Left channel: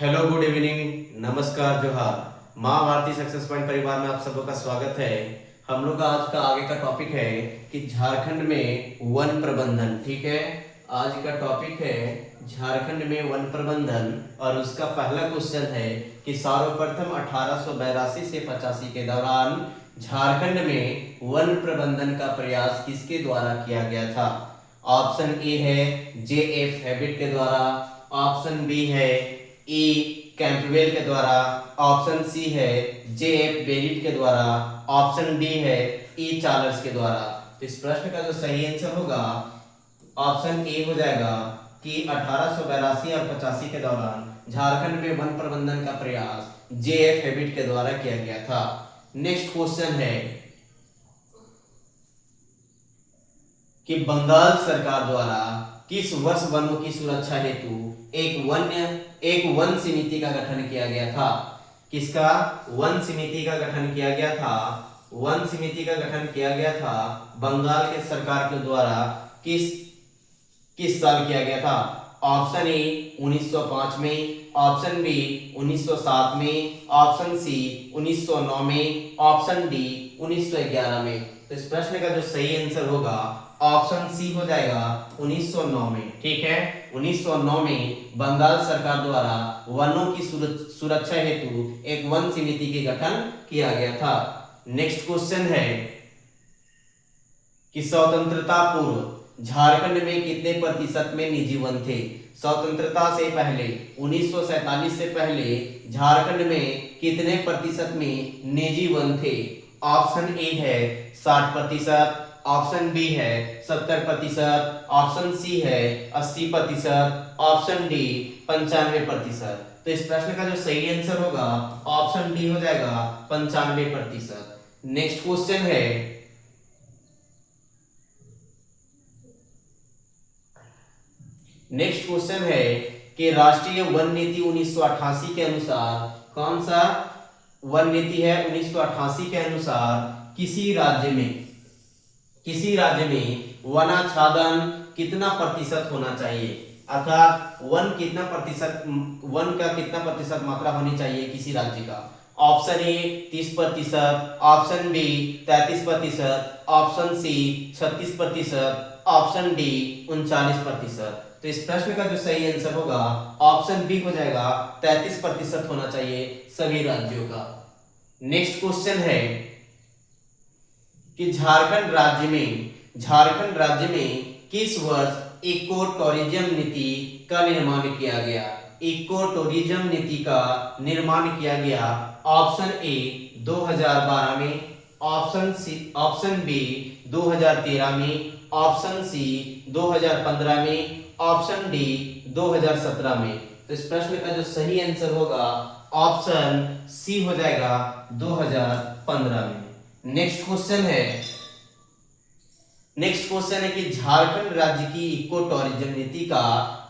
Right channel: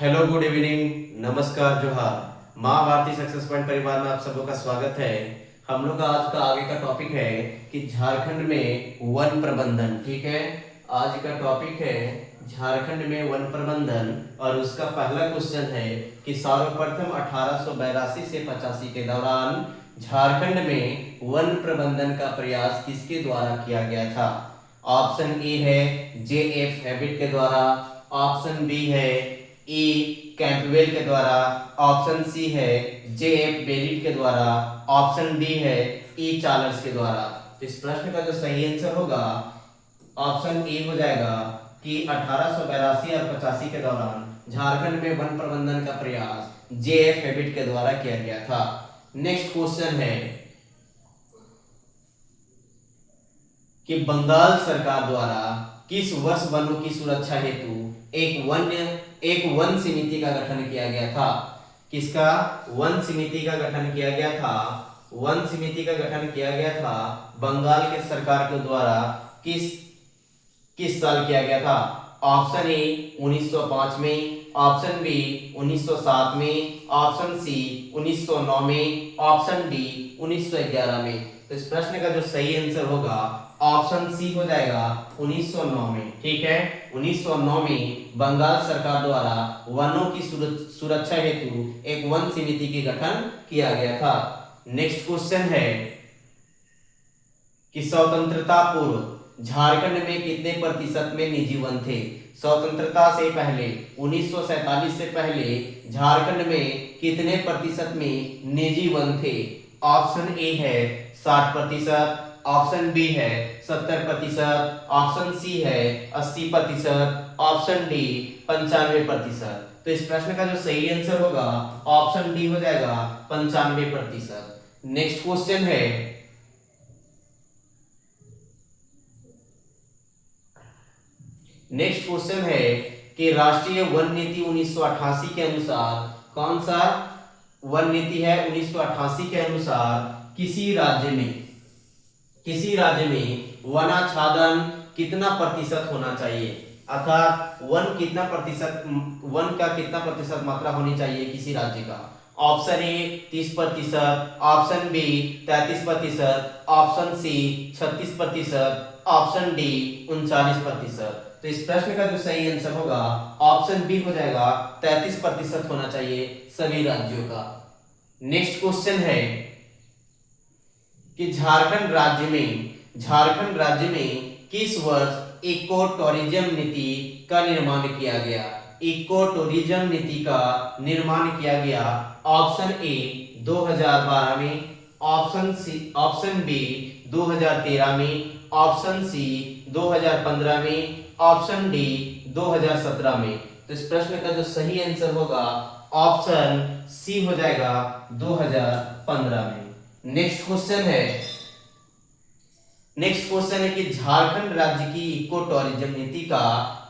Hello, good evening, नमस्कार, जोहार। माँ भारती सक्सेस पॉइंट परिवार में आप सबों का स्वागत है। हम लोग का आज का आगे का टॉपिक है कि झारखंड में वन प्रबंधन। ठीक है, आज का टॉपिक है झारखंड में वन प्रबंधन और उसका पहला क्वेश्चन है कि सर्वप्रथम 1882 से 85 के दौरान झारखंड में वन प्रबंधन का प्रयास किसके द्वारा किया गया था? ऑप्शन ए है जे एफ हैबिट के द्वारा, ऑप्शन बी है ई कैंपबेल के द्वारा, ऑप्शन सी है जे एफ बेरिट के द्वारा, ऑप्शन डी है ई चार्ल्स के द्वारा। तो इस प्रश्न का जो सही आंसर होगा ऑप्शन ए हो जाएगा कि 1882 और 85 के दौरान झारखंड में वन प्रबंधन का प्रयास जे एफ हैबिट के द्वारा किया गया था। नेक्स्ट क्वेश्चन है कि बंगाल सरकार द्वारा किस वर्ष वनों की सुरक्षा हेतु एक वन समिति का गठन किया गया था? किसका वन समिति का गठन किया गया था? वन समिति का गठन किया गया था बंगाल के सरकार के द्वारा किस किस साल किया गया था? ऑप्शन ए 1905 में, ऑप्शन बी 1907 में, ऑप्शन सी 1909 में, ऑप्शन डी 1911 में। तो इस प्रश्न का जो सही आंसर होगा ऑप्शन सी हो जाएगा 1909 में। ठीक है, 1909 में बंगाल सरकार द्वारा वनों की सुरक्षा हेतु एक वन समिति के गठन किया गया था। नेक्स्ट क्वेश्चन है कि स्वतंत्रता पूर्व झारखंड में कितने प्रतिशत में निजी वन थे? स्वतंत्रता से पहले 1947 से पहले झारखंड में कितने प्रतिशत में निजी वन थे? ऑप्शन ए है 60%, ऑप्शन बी है 70%, ऑप्शन सी है 80%, ऑप्शन डी 95%। तो इस प्रश्न का जो सही आंसर होगा ऑप्शन डी हो जाएगा 95%। नेक्स्ट क्वेश्चन है कि राष्ट्रीय वन नीति 1988 के अनुसार कौन सा वन नीति है? 1988 के अनुसार किसी राज्य में वनाच्छादन कितना प्रतिशत होना चाहिए? अर्थात वन का कितना प्रतिशत मात्रा होनी चाहिए किसी राज्य का? Option A 30%, option B 33%, option C 36%, option D 39%। तो इस प्रश्न का जो सही आंसर होगा ऑप्शन बी हो जाएगा 33% होना चाहिए सभी राज्यों का। नेक्स्ट क्वेश्चन है कि झारखंड राज्य में किस वर्ष इको टूरिज्म नीति का निर्माण किया गया? इको टूरिज्म नीति का निर्माण किया गया ऑप्शन ए 2012 में, ऑप्शन बी 2013 में, ऑप्शन सी 2015 में, ऑप्शन डी 2017 में। तो इस प्रश्न का जो सही आंसर होगा ऑप्शन सी हो जाएगा 2015 में। नेक्स्ट क्वेश्चन है कि झारखंड राज्य की इको टूरिज्म नीति का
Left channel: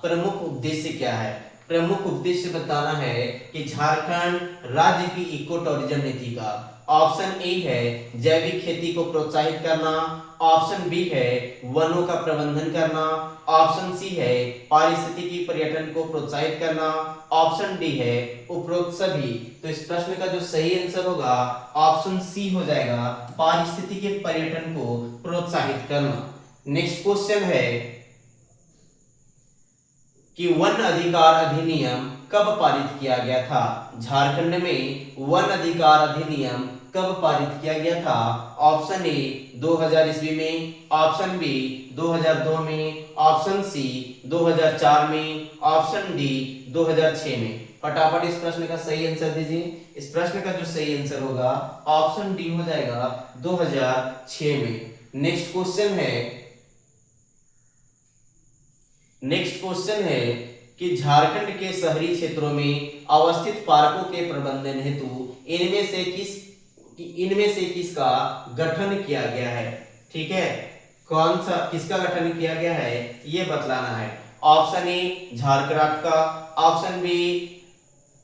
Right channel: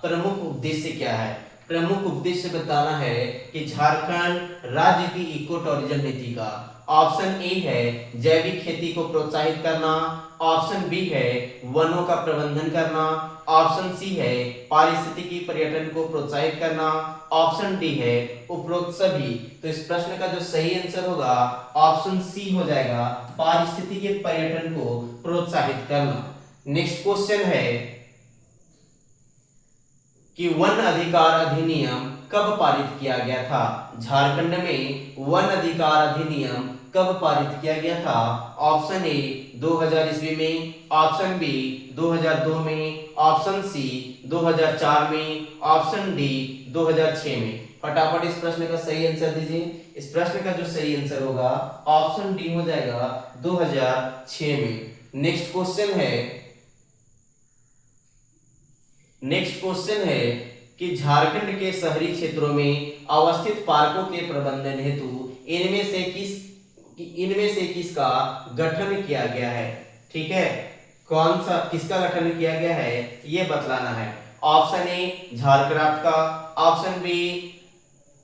प्रमुख उद्देश्य क्या है? प्रमुख उद्देश्य बताना है कि झारखंड राज्य की इको टूरिज्म नीति का। ऑप्शन ए है जैविक खेती को प्रोत्साहित करना, ऑप्शन बी है वनों का प्रबंधन करना, ऑप्शन सी है पारिस्थितिकी पर्यटन को प्रोत्साहित करना, ऑप्शन डी है उपरोक्त सभी। तो इस प्रश्न का जो सही आंसर होगा ऑप्शन सी हो जाएगा पारिस्थितिकी पर्यटन को प्रोत्साहित करना। नेक्स्ट क्वेश्चन है कि वन अधिकार अधिनियम कब पारित किया गया था? झारखंड में वन अधिकार अधिनियम कब पारित किया गया था? ऑप्शन ए 2000 ईस्वी में, ऑप्शन बी 2002 में, ऑप्शन सी 2004 में, ऑप्शन डी 2006 में। फटाफट इस प्रश्न का सही आंसर दीजिए। इस प्रश्न का जो सही आंसर होगा ऑप्शन डी हो जाएगा 2006 में। नेक्स्ट क्वेश्चन है कि झारखंड के शहरी क्षेत्रों में अवस्थित पार्कों के प्रबंधन हेतु इनमें से किसका गठन किया गया है? ठीक है, किसका गठन किया गया है ये बतलाना है। ऑप्शन ए झारक्राफ्ट का, ऑप्शन बी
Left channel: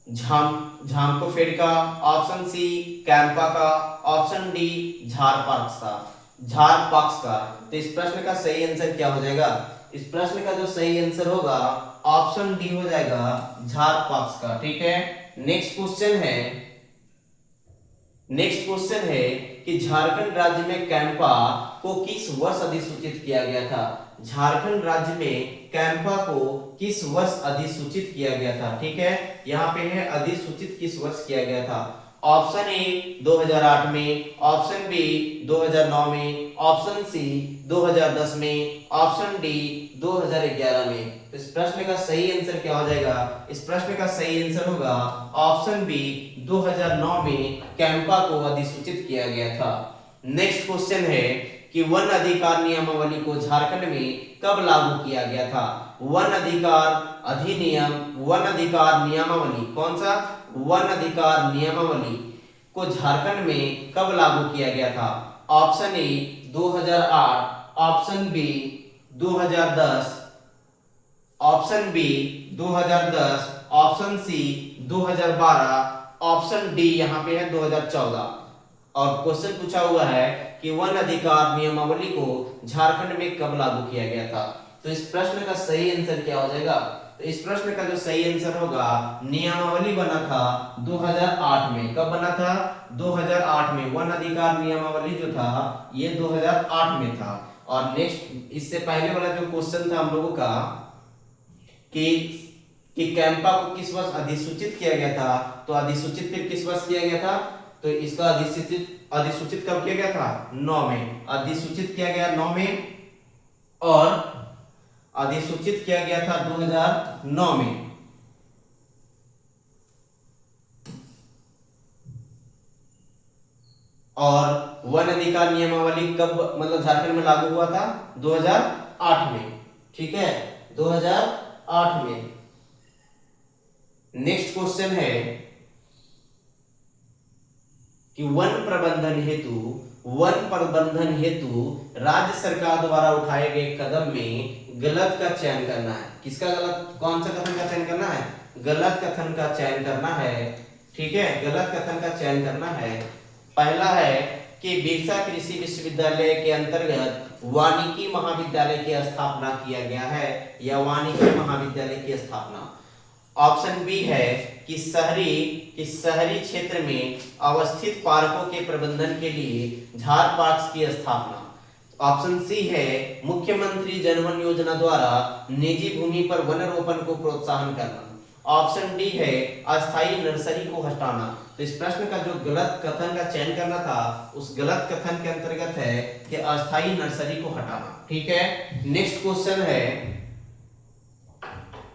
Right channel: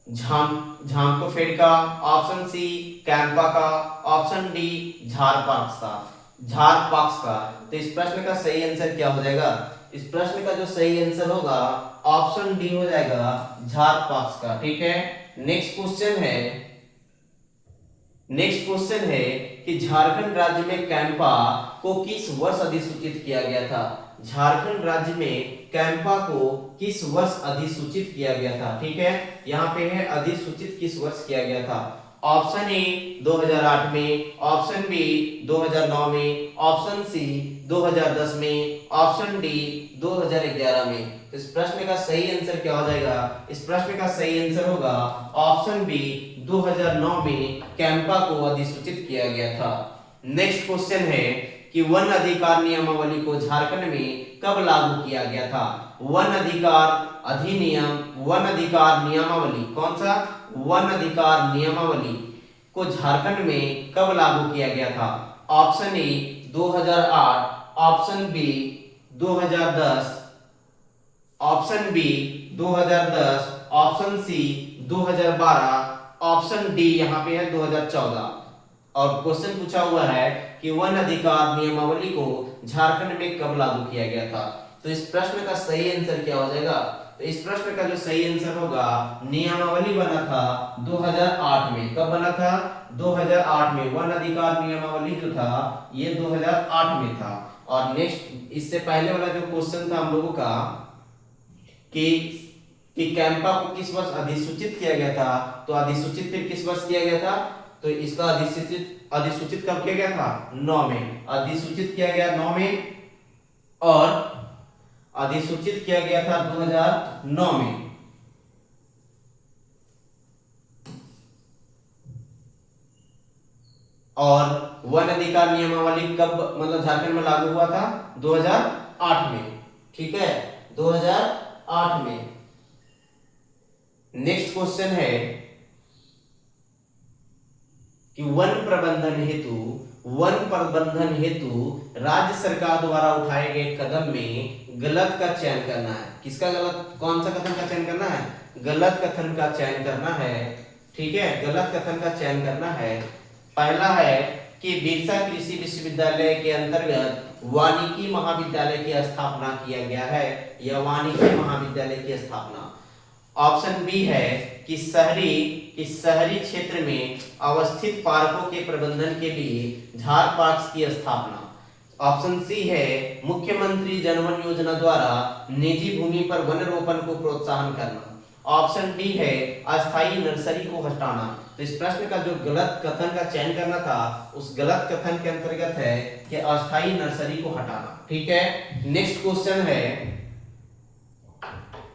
झांकोफेड का, ऑप्शन सी कैंपा का, ऑप्शन डी झारपाक्स का। तो इस प्रश्न का सही आंसर क्या हो जाएगा? इस प्रश्न का जो सही आंसर होगा ऑप्शन डी हो जाएगा झार पक्ष का। ठीक है, नेक्स्ट क्वेश्चन है कि झारखंड राज्य में कैंपा को किस वर्ष अधिसूचित किया गया था? झारखंड राज्य में कैंपा को किस वर्ष अधिसूचित किया गया था? ठीक है, यहाँ पे है अधिसूचित किस वर्ष किया गया था। ऑप्शन ए 2008 में, ऑप्शन बी 2009 में, ऑप्शन सी 2010 में, ऑप्शन डी 2011 में। तो इस प्रश्न का सही आंसर क्या हो जाएगा? इस प्रश्न का सही आंसर होगा ऑप्शन बी 2009 में कैंपा को अधिसूचित किया गया था। नेक्स्ट क्वेश्चन है कि वन अधिकार नियमावली को झारखंड में कब लागू किया गया था? वन अधिकार अधिनियम, वन अधिकार नियमावली, कौन सा? वन अधिकार नियमावली को झारखंड में कब लागू किया गया था? Option A 2008, option B 2010, option B 2010, option C 2012, option D यहाँ पे है 2014। और क्वेश्चन पूछा हुआ है कि वन अधिकार नियमावली को झारखंड में कब लागू किया गया था? तो इस प्रश्न का सही आंसर क्या हो जाएगा? तो इस प्रश्न का जो सही आंसर होगा, नियमावली बना था 2008 में। कब बना था? 2008 में। वन अधिकार नियमावली जो था ये 2008 में था। और नेक्स्ट, इससे पहले वाला जो क्वेश्चन था हम लोगों का कि कैंपा को किस वर्ष अधिसूचित किया गया था, तो अधिसूचित फिर किस वर्ष किया गया था? तो इसका अधिसूचित कब किया गया था? 9 में। अधिसूचित किया गया 9 में, और अधिसूचित किया गया था 2009 में। और वन अधिकार नियमावली कब मतलब झारखंड में लागू हुआ था? 2008 में। ठीक है, 2008 में। नेक्स्ट क्वेश्चन है कि वन प्रबंधन हेतु राज्य सरकार द्वारा उठाए गए कदम में गलत का चयन करना है। किसका गलत? कौन सा कथन का चयन करना है? गलत कथन का चयन करना है। ठीक है, गलत कथन का चयन करना है। पहला है कि बिरसा कृषि विश्वविद्यालय के अंतर्गत वानिकी महाविद्यालय की स्थापना किया गया है, या वानिकी महाविद्यालय की स्थापना। ऑप्शन बी है कि शहरी क्षेत्र में अवस्थित पार्कों के प्रबंधन के लिए झार पार्क्स की स्थापना। ऑप्शन सी है मुख्यमंत्री जनवन योजना द्वारा निजी भूमि पर वन रोपण को प्रोत्साहन करना। ऑप्शन डी है अस्थायी नर्सरी को हटाना। तो इस प्रश्न का जो गलत कथन का चयन करना था, उस गलत कथन के अंतर्गत है कि अस्थायी नर्सरी को हटाना। ठीक है, नेक्स्ट क्वेश्चन है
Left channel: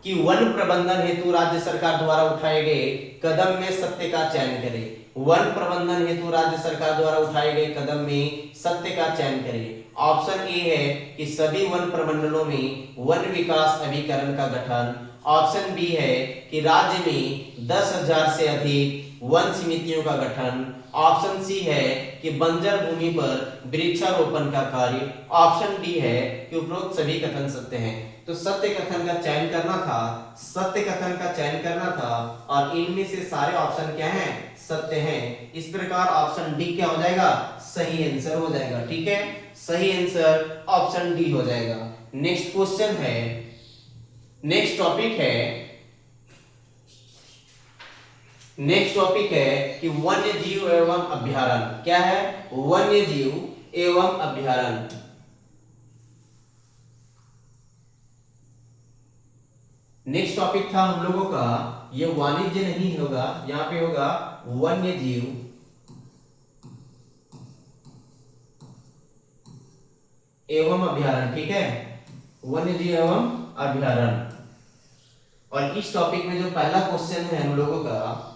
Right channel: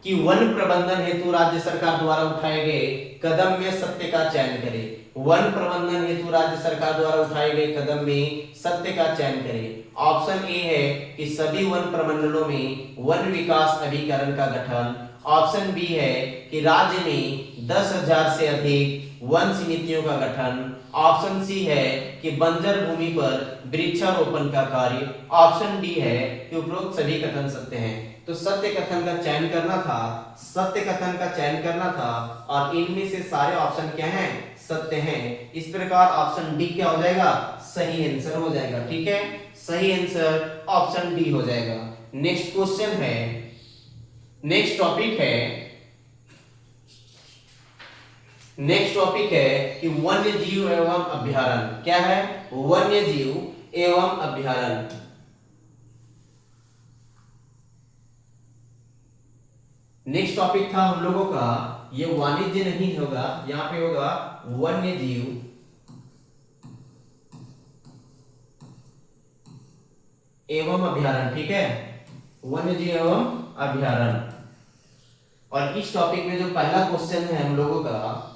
कि वन प्रबंधन हेतु राज्य सरकार द्वारा उठाए गए कदम में सत्य का चयन करें। वन प्रबंधन हेतु राज्य सरकार द्वारा उठाए गए कदम में सत्य का चयन करें। ऑप्शन ए है कि सभी वन प्रमंडलों में वन विकास अभिकरण का गठन। ऑप्शन बी है कि राज्य में 10,000 से अधिक वन समितियों का गठन। ऑप्शन सी है कि बंजर भूमि पर वृक्षारोपण का कार्य। ऑप्शन डी है कि उपरोक्त सभी कथन सत्य हैं। तो सत्य कथन का चयन करना था, सत्य कथन का चयन करना था, और इनमें से सारे ऑप्शन क्या हैं? सत्य हैं। इस प्रकार ऑप्शन डी क्या हो जाएगा? सही आंसर हो जाएगा। ठीक है, सही आंसर ऑप्शन डी हो जाएगा। नेक्स्ट क्वेश्चन है, नेक्स्ट टॉपिक है कि वन्य जीव एवं अभ्यारण्य। क्या है? वन्य जीव एवं अभ्यारण्य। नेक्स्ट टॉपिक था हम लोगों का, ये वाणिज्य नहीं होगा, यहां पे होगा वन्य जीव एवं अभ्यारण्य। ठीक है, वन्य जीव एवं अभ्यारण्य। और इस टॉपिक में जो पहला क्वेश्चन है हम लोगों का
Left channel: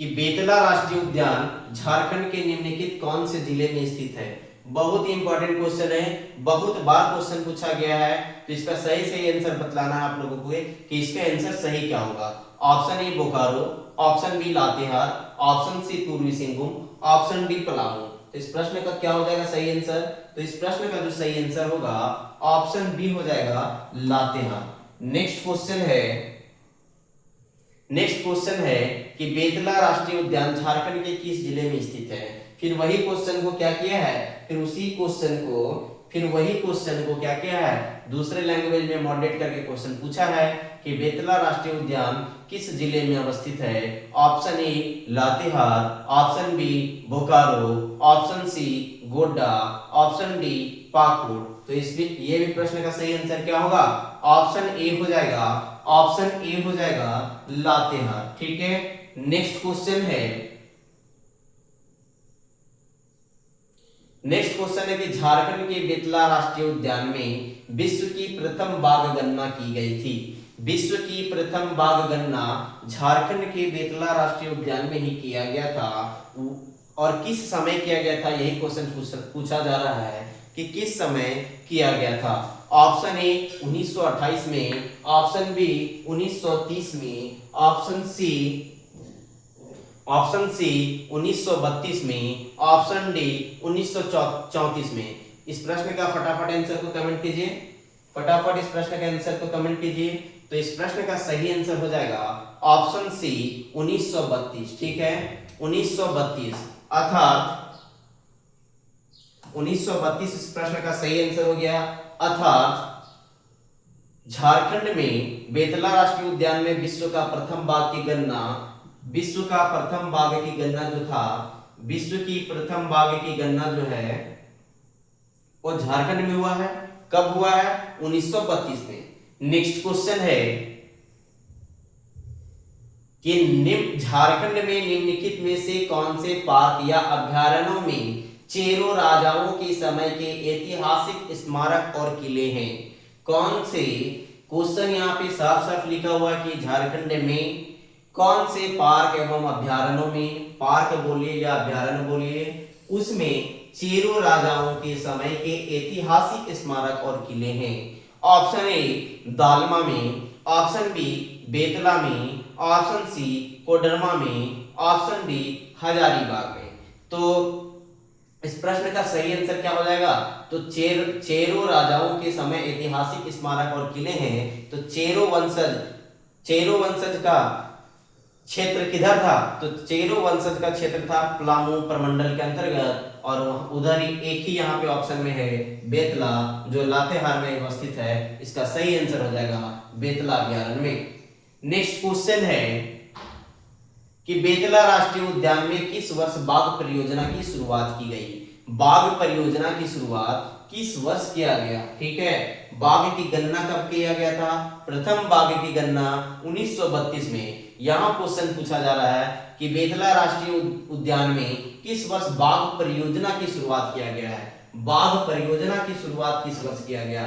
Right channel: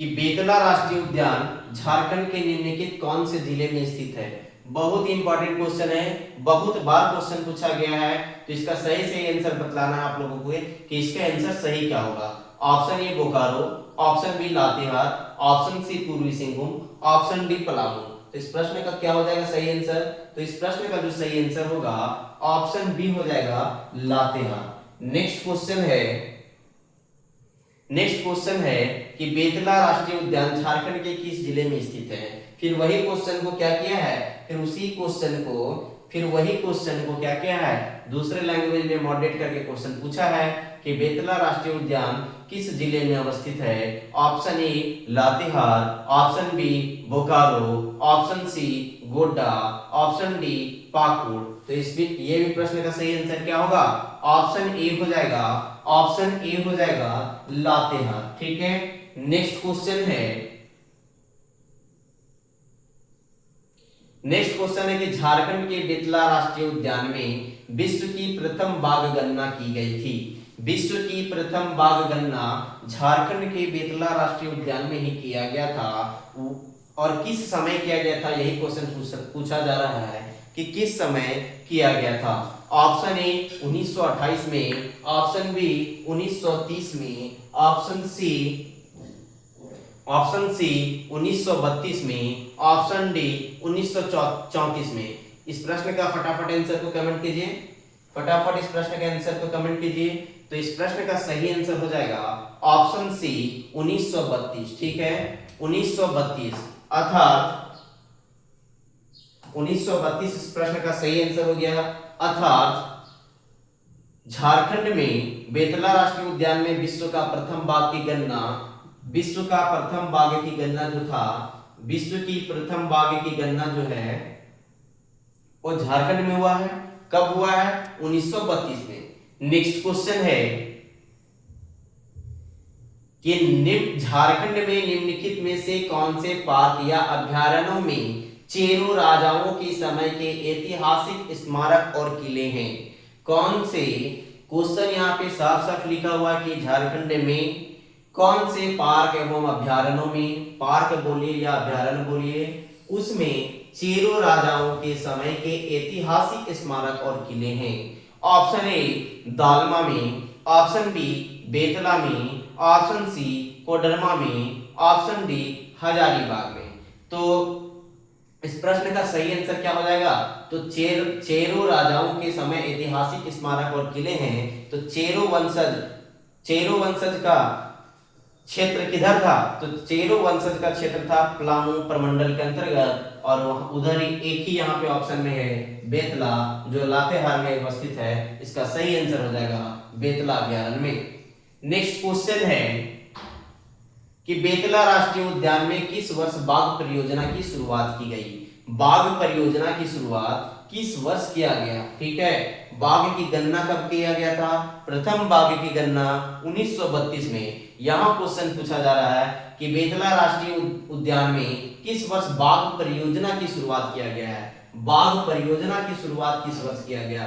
कि बेतला राष्ट्रीय उद्यान झारखंड के निम्नलिखित कौन से जिले में स्थित है? बहुत ही इंपॉर्टेंट क्वेश्चन है, बहुत बार क्वेश्चन पूछा गया है। तो इसका सही आंसर बतलाना है आप लोगों को कि इसका आंसर सही क्या होगा। Option A Bokaro, option B Latehar, option C Purbi Singhbhum, option D Palamu. तो इस प्रश्न का क्या हो जाएगा सही आंसर? तो इस प्रश्न का जो सही आंसर होगा ऑप्शन बी हो जाएगा लातेहार। नेक्स्ट क्वेश्चन है कि बेतला राष्ट्रीय उद्यान झारखंड के किस जिले में स्थित है? फिर वही क्वेश्चन को क्या किया है, फिर वही क्वेश्चन को क्या किया है, दूसरे लैंग्वेज में मॉडरेट करके क्वेश्चन पूछा है कि बेतला राष्ट्रीय उद्यान किस जिले में अवस्थित है? Option A Latehar, option B Bokaro, option C Godda, option D Pakur. तो ये भी प्रश्न का सही आंसर क्या होगा? ऑप्शन ए हो जाएगा, ऑप्शन ए हो जाएगा लातेहार। ठीक है, नेक्स्ट क्वेश्चन है, कि झारखंड के बेतला राष्ट्रीय उद्यान में विश्व की प्रथम बाघ गणना की गई थी। विश्व की प्रथम बाघ गणना झारखंड के बेतला राष्ट्रीय उद्यान में ही किया गया था, और किस समय किया गया था? यही क्वेश्चन पूछा जा रहा है कि किस समय किया गया था। ऑप्शन ए 1928 में, ऑप्शन बी 1930 में, ऑप्शन सी 1932 में, ऑप्शन डी 1934 में। इस प्रश्न का फटाफट आंसर को कमेंट कीजिए, फटाफट इस प्रश्न के आंसर को कमेंट कीजिए। तो इस प्रश्न का सही आंसर हो जाएगा ऑप्शन सी 1932। ठीक है, 1932 अर्थात 1932 इस प्रश्न का सही आंसर हो गया। अर्थात झारखंड में बेतला राष्ट्रीय उद्यान में विश्व का प्रथम बाघ की गणना जो था, विश्व की प्रथम बाघ की गणना जो है वो झारखंड में हुआ है। कब हुआ है? 1932 में। नेक्स्ट क्वेश्चन है कि झारखंड में निम्नलिखित में से कौन से पार्क या अभ्यारण्यों में चेरो राजाओं के समय के ऐतिहासिक स्मारक और किले हैं? कौन से, क्वेश्चन यहाँ पे साफ साफ लिखा हुआ है कि झारखंड में कौन से पार्क एवं अभ्यारण्यों में, पार्क बोलिए या अभ्यारण्य बोलिए, उसमें चेरो राजाओं के समय के ऐतिहासिक स्मारक और किले हैं? ऑप्शन ए दालमा में, ऑप्शन बी बेतला में, ऑप्शन सी कोडरमा में, ऑप्शन डी हजारीबाग में। तो इस प्रश्न का सही आंसर क्या हो जाएगा? तो चेरो राजाओं के समय ऐतिहासिक स्मारक और किले हैं। तो चेरो वंशज का क्षेत्र किधर था? तो चेरो वंशज का क्षेत्र था पलामू प्रमंडल के अंतर्गत, और उधर ही एक ही यहाँ पे ऑप्शन में है बेतला, जो लातेहार में अवस्थित है। इसका सही आंसर हो जाएगा बेतला अभ्यारण्य में। नेक्स्ट क्वेश्चन है कि बेतला राष्ट्रीय उद्यान में किस वर्ष बाघ परियोजना की शुरुआत की गई? बाघ परियोजना की शुरुआत किस वर्ष किया गया? ठीक है, बाघ की गणना कब किया गया था? प्रथम बाघ की गणना 1932 में। यहाँ क्वेश्चन पूछा जा रहा है कि बेतला राष्ट्रीय उद्यान में किस वर्ष बाघ परियोजना की शुरुआत किया गया है? बाघ परियोजना की शुरुआत किस वर्ष किया गया?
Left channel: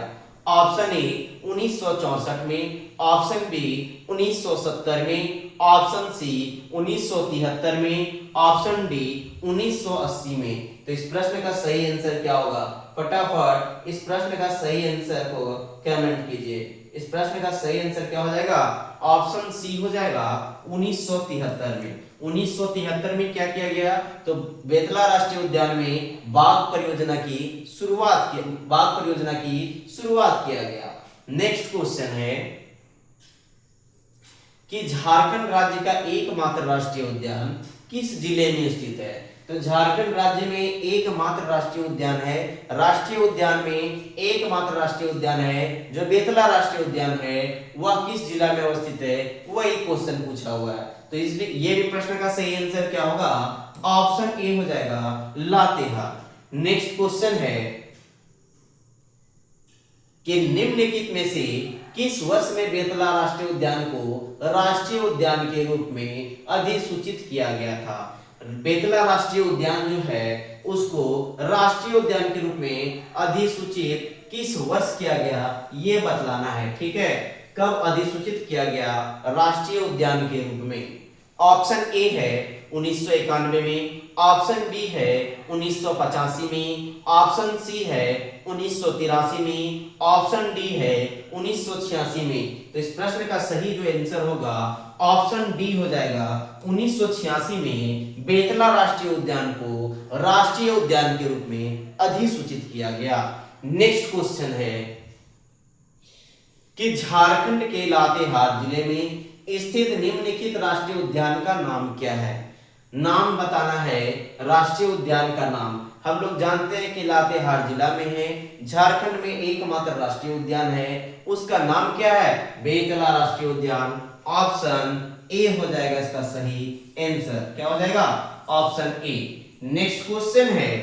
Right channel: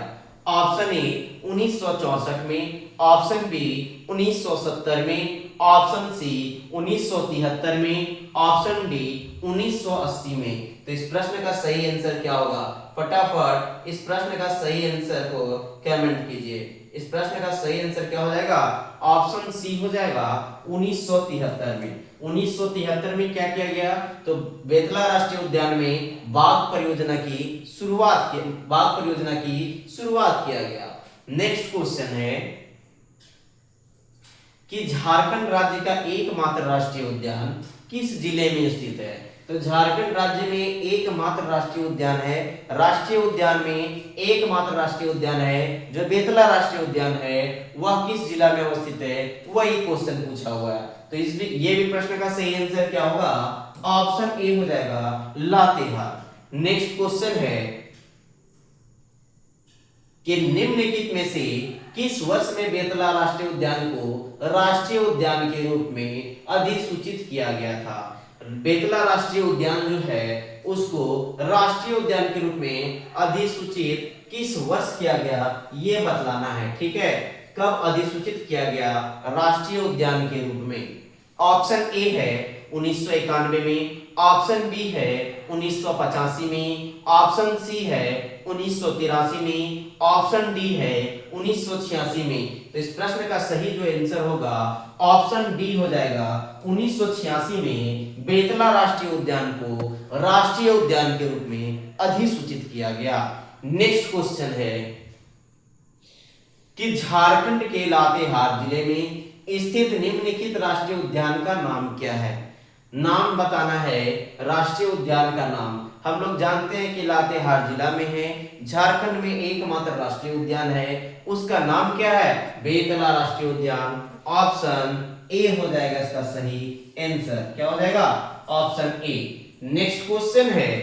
ऑप्शन ए 1964 में, ऑप्शन बी 1970 में, ऑप्शन सी 1973 में, ऑप्शन डी 1980 में। तो इस प्रश्न का सही आंसर क्या होगा? फटाफट इस प्रश्न का सही आंसर को कमेंट कीजिए। इस प्रश्न का सही आंसर क्या हो जाएगा? ऑप्शन सी हो जाएगा 1973 में। 1973 में क्या किया गया? तो बेतला राष्ट्रीय उद्यान में बाघ परियोजना की शुरुआत किया गया। नेक्स्ट क्वेश्चन है कि झारखंड राज्य का एकमात्र राष्ट्रीय उद्यान किस जिले में स्थित है? तो झारखंड राज्य में एकमात्र राष्ट्रीय उद्यान है, राष्ट्रीय उद्यान में एकमात्र राष्ट्रीय उद्यान है जो बेतला राष्ट्रीय उद्यान है, वह किस जिला में अवस्थित है? वही क्वेश्चन पूछा हुआ है। तो ये भी प्रश्न का सही आंसर क्या होगा? ऑप्शन ए हो जाएगा लातेहार। नेक्स्ट क्वेश्चन है कि निम्नलिखित में से किस वर्ष में बेतला राष्ट्रीय उद्यान को राष्ट्रीय उद्यान के रूप में अधिसूचित किया गया था? बेतला राष्ट्रीय उद्यान जो है उसको राष्ट्रीय उद्यान के रूप में अधिसूचित किस वर्ष किया गया, ये बतलाना है। ठीक है, कब अधिसूचित किया गया राष्ट्रीय उद्यान के रूप में? ऑप्शन ए है 1991 में, ऑप्शन बी है 1985 में, ऑप्शन सी है 1983 में, ऑप्शन डी है 1986 में। तो इस प्रश्न का सही जो आंसर होगा ऑप्शन डी हो जाएगा 1986 में बेतला राष्ट्रीय उद्यान को राष्ट्रीय उद्यान के रूप में अधिसूचित किया गया। नेक्स्ट क्वेश्चन है कि झारखंड के लातेहार जिले में स्थित निम्नलिखित राष्ट्रीय उद्यान का नाम क्या है? नाम बताना है राष्ट्रीय उद्यान का नाम। हम लोग जानते हैं कि लातेहार जिला में है, झारखंड में एकमात्र राष्ट्रीय उद्यान है, उसका नाम क्या है? बेतला राष्ट्रीय उद्यान। ऑप्शन ए हो जाएगा इसका सही आंसर। क्या हो जाएगा? Option A. नेक्स्ट क्वेश्चन है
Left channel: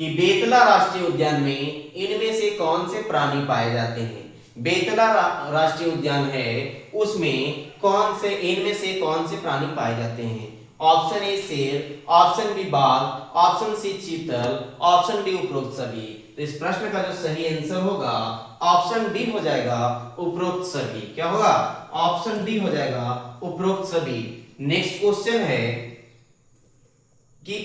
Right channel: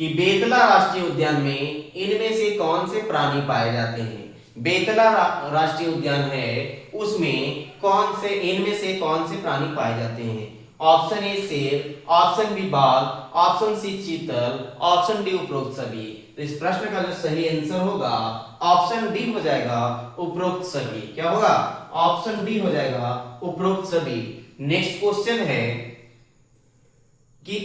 कि बेतला राष्ट्रीय उद्यान में इनमें से कौन से प्राणी पाए जाते हैं? बेतला राष्ट्रीय उद्यान है, उसमें कौन से इनमें से कौन से प्राणी पाए जाते हैं? ऑप्शन ए शेर, ऑप्शन बी बाघ, ऑप्शन सी चीतल, ऑप्शन डी उपरोक्त सभी। तो इस प्रश्न का जो सही आंसर होगा ऑप्शन डी हो जाएगा उपरोक्त सभी। क्या होगा? ऑप्शन डी हो जाएगा उपरोक्त सभी। नेक्स्ट क्वेश्चन है कि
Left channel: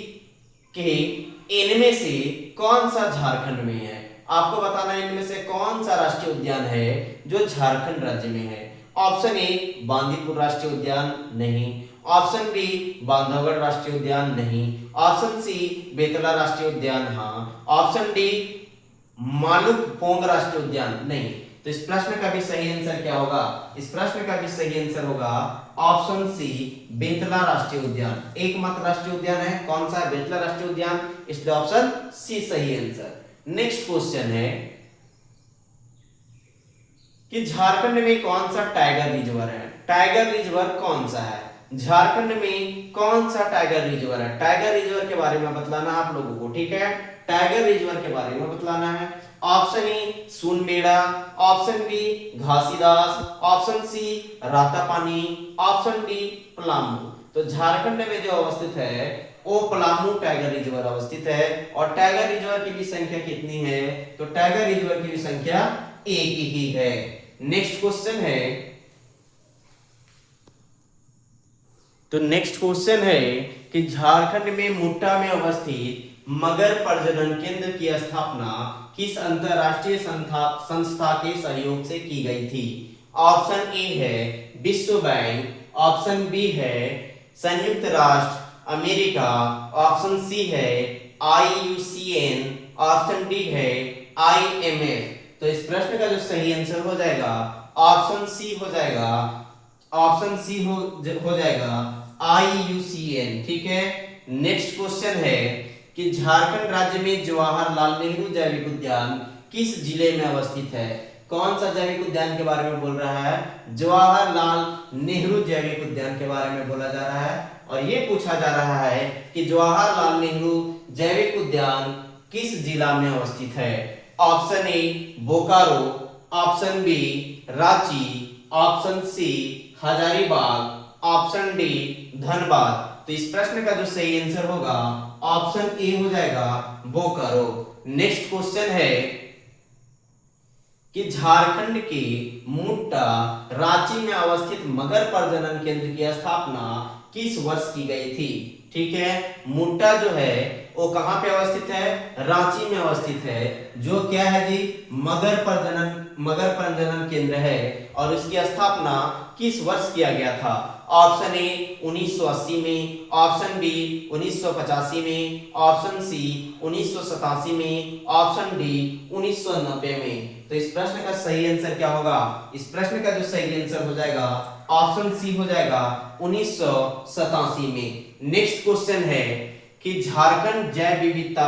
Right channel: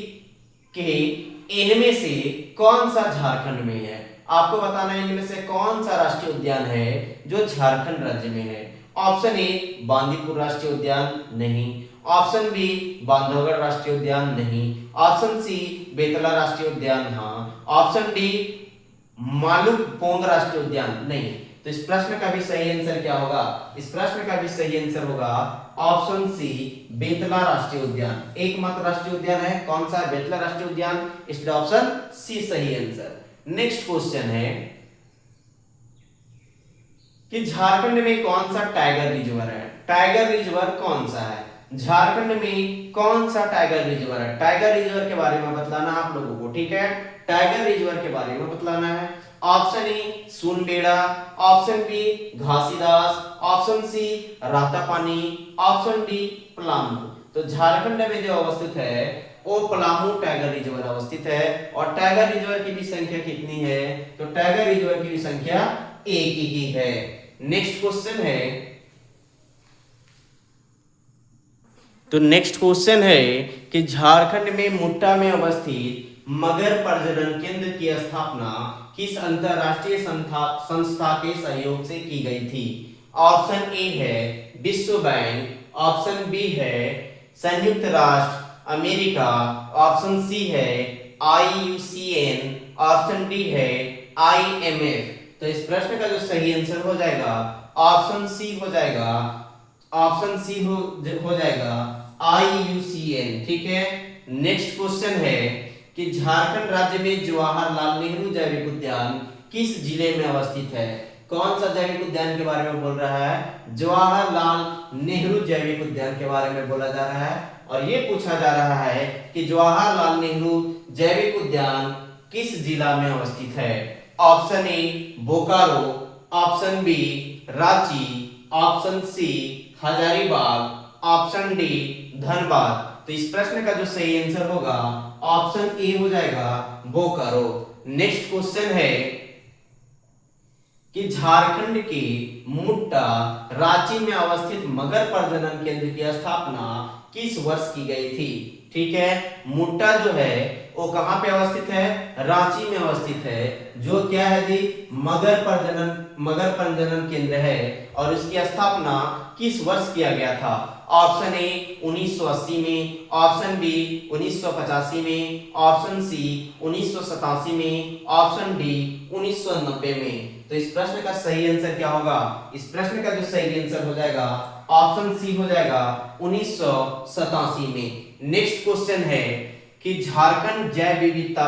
इनमें से कौन सा झारखंड में है? आपको बताना है इनमें से कौन सा राष्ट्रीय उद्यान है जो झारखंड राज्य में है। ऑप्शन ए बांदीपुर राष्ट्रीय उद्यान, नहीं। ऑप्शन बी बांधवगढ़ राष्ट्रीय उद्यान, नहीं। ऑप्शन सी बेतला राष्ट्रीय उद्यान, हाँ। ऑप्शन डी मालूपोंग राष्ट्रीय उद्यान, नहीं। तो इस प्रश्न का भी सही आंसर क्या होगा? इस प्रश्न का भी सही आंसर होगा ऑप्शन सी बेतला राष्ट्रीय उद्यान। एकमात्र राष्ट्रीय उद्यान है, कौन सा? बेतला राष्ट्रीय उद्यान। इसलिए ऑप्शन सी सही आंसर। नेक्स्ट क्वेश्चन है कि झारखंड में कौन सा टाइगर रिजर्व है? टाइगर रिजर्व कौन सा है? झारखंड में कौन सा टाइगर रिजर्व है? टाइगर रिजर्व के बारे में बतलाना है आप लोगों को, ठीक है? टाइगर रिजर्व के बारे में बतलाना है। Option A Sunabeda, option B Ghasidas, option C Ratapani, option D Palamu. तो झारखंड में जो अवस्थित है वो पलामू टाइगर रिजर्व अवस्थित है। और टाइगर रिजर्व की भी संख्या कितनी है? तो टाइगर रिजर्व की भी संख्या एक ही है। नेक्स्ट क्वेश्चन है, तो नेक्स्ट क्वेश्चन है कि झारखंड में मुट्टा में अवस्थित मगर प्रजनन केंद्र की स्थापना किस अंतरराष्ट्रीय संस्था के सहयोग से की गई थी? ऑप्शन ए है विश्व बैंक, ऑप्शन बी है संयुक्त राष्ट्र अमेरिका, ऑप्शन सी है IUCN, ऑप्शन डी है IMF। तो इस प्रश्न का जो सही आंसर हो जाएगा ऑप्शन सी हो जाएगा, ऑप्शन सी हो जाएगा IUCN, ठीक है। नेक्स्ट क्वेश्चन है कि झारखंड राज्य में जवाहरलाल नेहरू जैविक उद्यान किस जिले में अवस्थित है? कौन सा जैविक उद्यान के बारे में बोल रहा है? जवाहरलाल नेहरू जैविक उद्यान के बारे में बोला जा रहा है। और ये पूछा जा रहा है कि जवाहरलाल नेहरू जैविक उद्यान किस जिला में अवस्थित है? Option A Bokaro, option B Ranchi, option C Hazaribagh, option D Dhanbad. तो इस प्रश्न का जो सही आंसर होगा ऑप्शन ए हो जाएगा बोकारो। नेक्स्ट क्वेश्चन है कि झारखंड के मुट्टा रांची में अवस्थित मगर प्रजनन केंद्र की स्थापना किस वर्ष की गई थी? ठीक है, मुट्टा जो है वो कहां पे अवस्थित है? रांची में अवस्थित है, जो क्या है जी? मगर प्रजनन केंद्र है। और इसकी स्थापना किस वर्ष किया गया था? ऑप्शन ए 1980 में, ऑप्शन बी 1985 में, ऑप्शन सी 1987 में, ऑप्शन डी 1990 में। तो इस प्रश्न का सही आंसर क्या होगा? इस प्रश्न का जो सही आंसर हो जाएगा ऑप्शन सी हो जाएगा 1987 में। नेक्स्ट क्वेश्चन है कि झारखंड जैव विविधता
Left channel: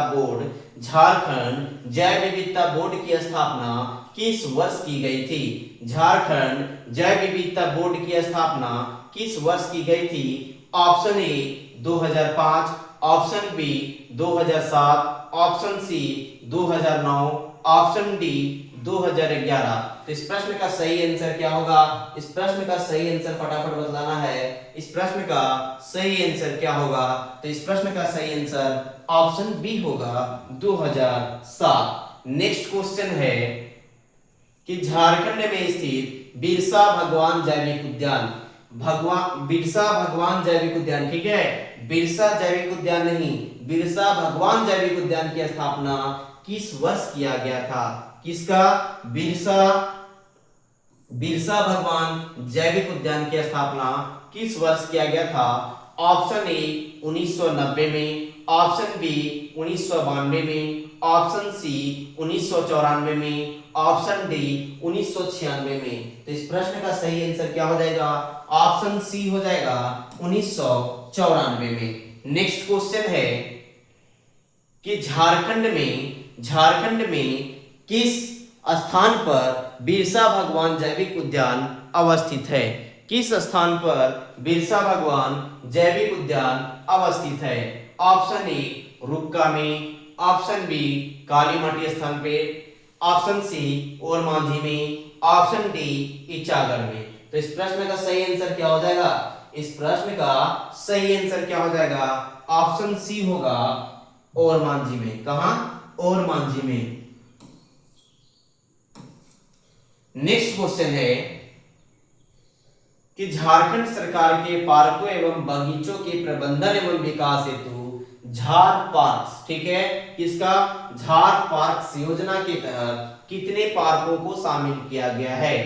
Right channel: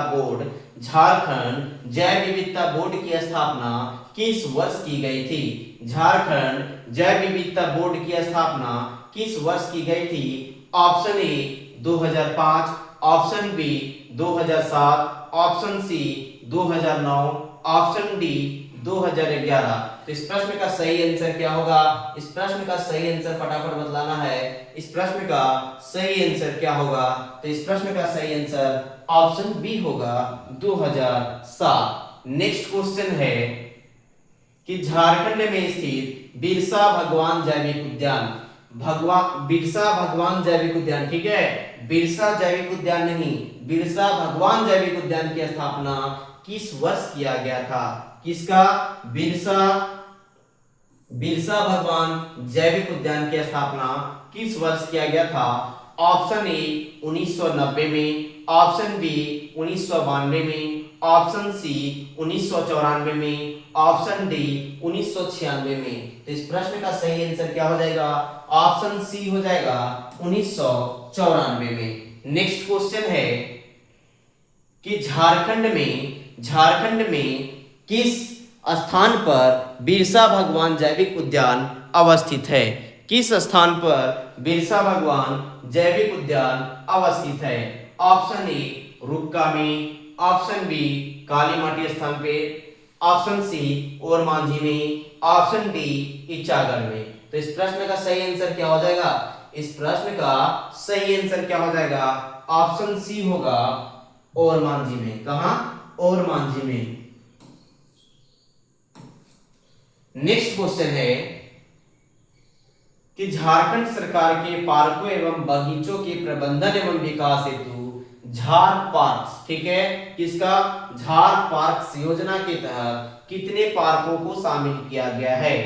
बोर्ड की स्थापना किस वर्ष की गई थी? झारखंड जैव विविधता बोर्ड की स्थापना किस वर्ष की गई थी? Option A 2005, option B 2007, option C 2009, option D 2011। तो इस प्रश्न का सही आंसर क्या होगा? इस प्रश्न का सही आंसर फटाफट बतलाना है। इस प्रश्न का सही आंसर क्या होगा? तो इस प्रश्न का सही आंसर ऑप्शन बी होगा 2007। नेक्स्ट क्वेश्चन है कि झारखंड में स्थित बिरसा भगवान जैविक उद्यान, बिरसा भगवान जैविक उद्यान, ठीक है, बिरसा जैविक उद्यान नहीं, बिरसा भगवान जैविक उद्यान की स्थापना किस वर्ष किया गया था? किसका? बिरसा भगवान जैविक उद्यान की स्थापना किस वर्ष किया गया था? ऑप्शन ए 1990 में, ऑप्शन बी 1992 में, ऑप्शन सी 1994 में, ऑप्शन डी 1996 में। तो इस प्रश्न का सही आंसर क्या हो जाएगा? ऑप्शन सी हो जाएगा 1994 में। नेक्स्ट क्वेश्चन है कि झारखंड में किस स्थान पर बिरसा भगवान जैविक उद्यान अवस्थित है? किस स्थान पर बिरसा भगवान जैविक उद्यान अवस्थित है? ऑप्शन ए रुक्का में, ऑप्शन बी काली माटी स्थान पे, ऑप्शन सी ओरमांझी में, ऑप्शन डी इचागढ़ में। तो इस प्रश्न का सही आंसर क्या हो जाएगा? इस प्रश्न का सही आंसर क्या हो जाएगा? ऑप्शन सी होगा ओरमांझी में। कहां? ओरमांझी में। नेक्स्ट क्वेश्चन है कि झारखंड सरकार के पार्कों एवं बगीचों के प्रबंधन एवं विकास हेतु झार पार्क्स, ठीक है, किसका? झार पार्क्स योजना के तहत कितने पार्कों को शामिल किया गया है?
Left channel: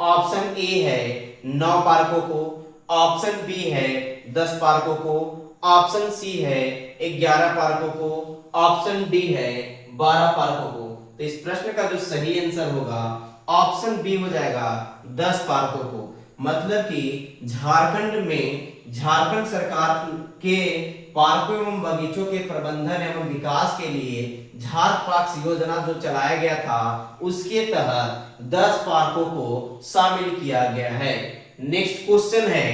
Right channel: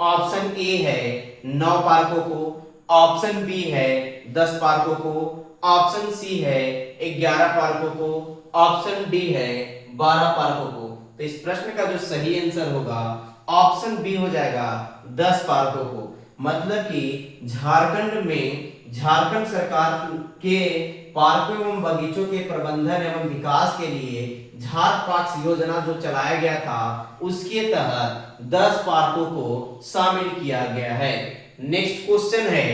ऑप्शन ए है 9 पार्कों को, ऑप्शन बी है 10 पार्कों को, ऑप्शन सी है 11 पार्कों को, ऑप्शन डी है 12 पार्कों को। तो इस प्रश्न का जो सही आंसर होगा ऑप्शन बी हो जाएगा 10 पार्कों को। मतलब कि झारखंड सरकार के पार्कों एवं बगीचों के प्रबंधन एवं विकास के लिए झार पार्क्स योजना जो चलाया गया था उसके तहत 10 पार्कों को शामिल किया गया है। नेक्स्ट क्वेश्चन है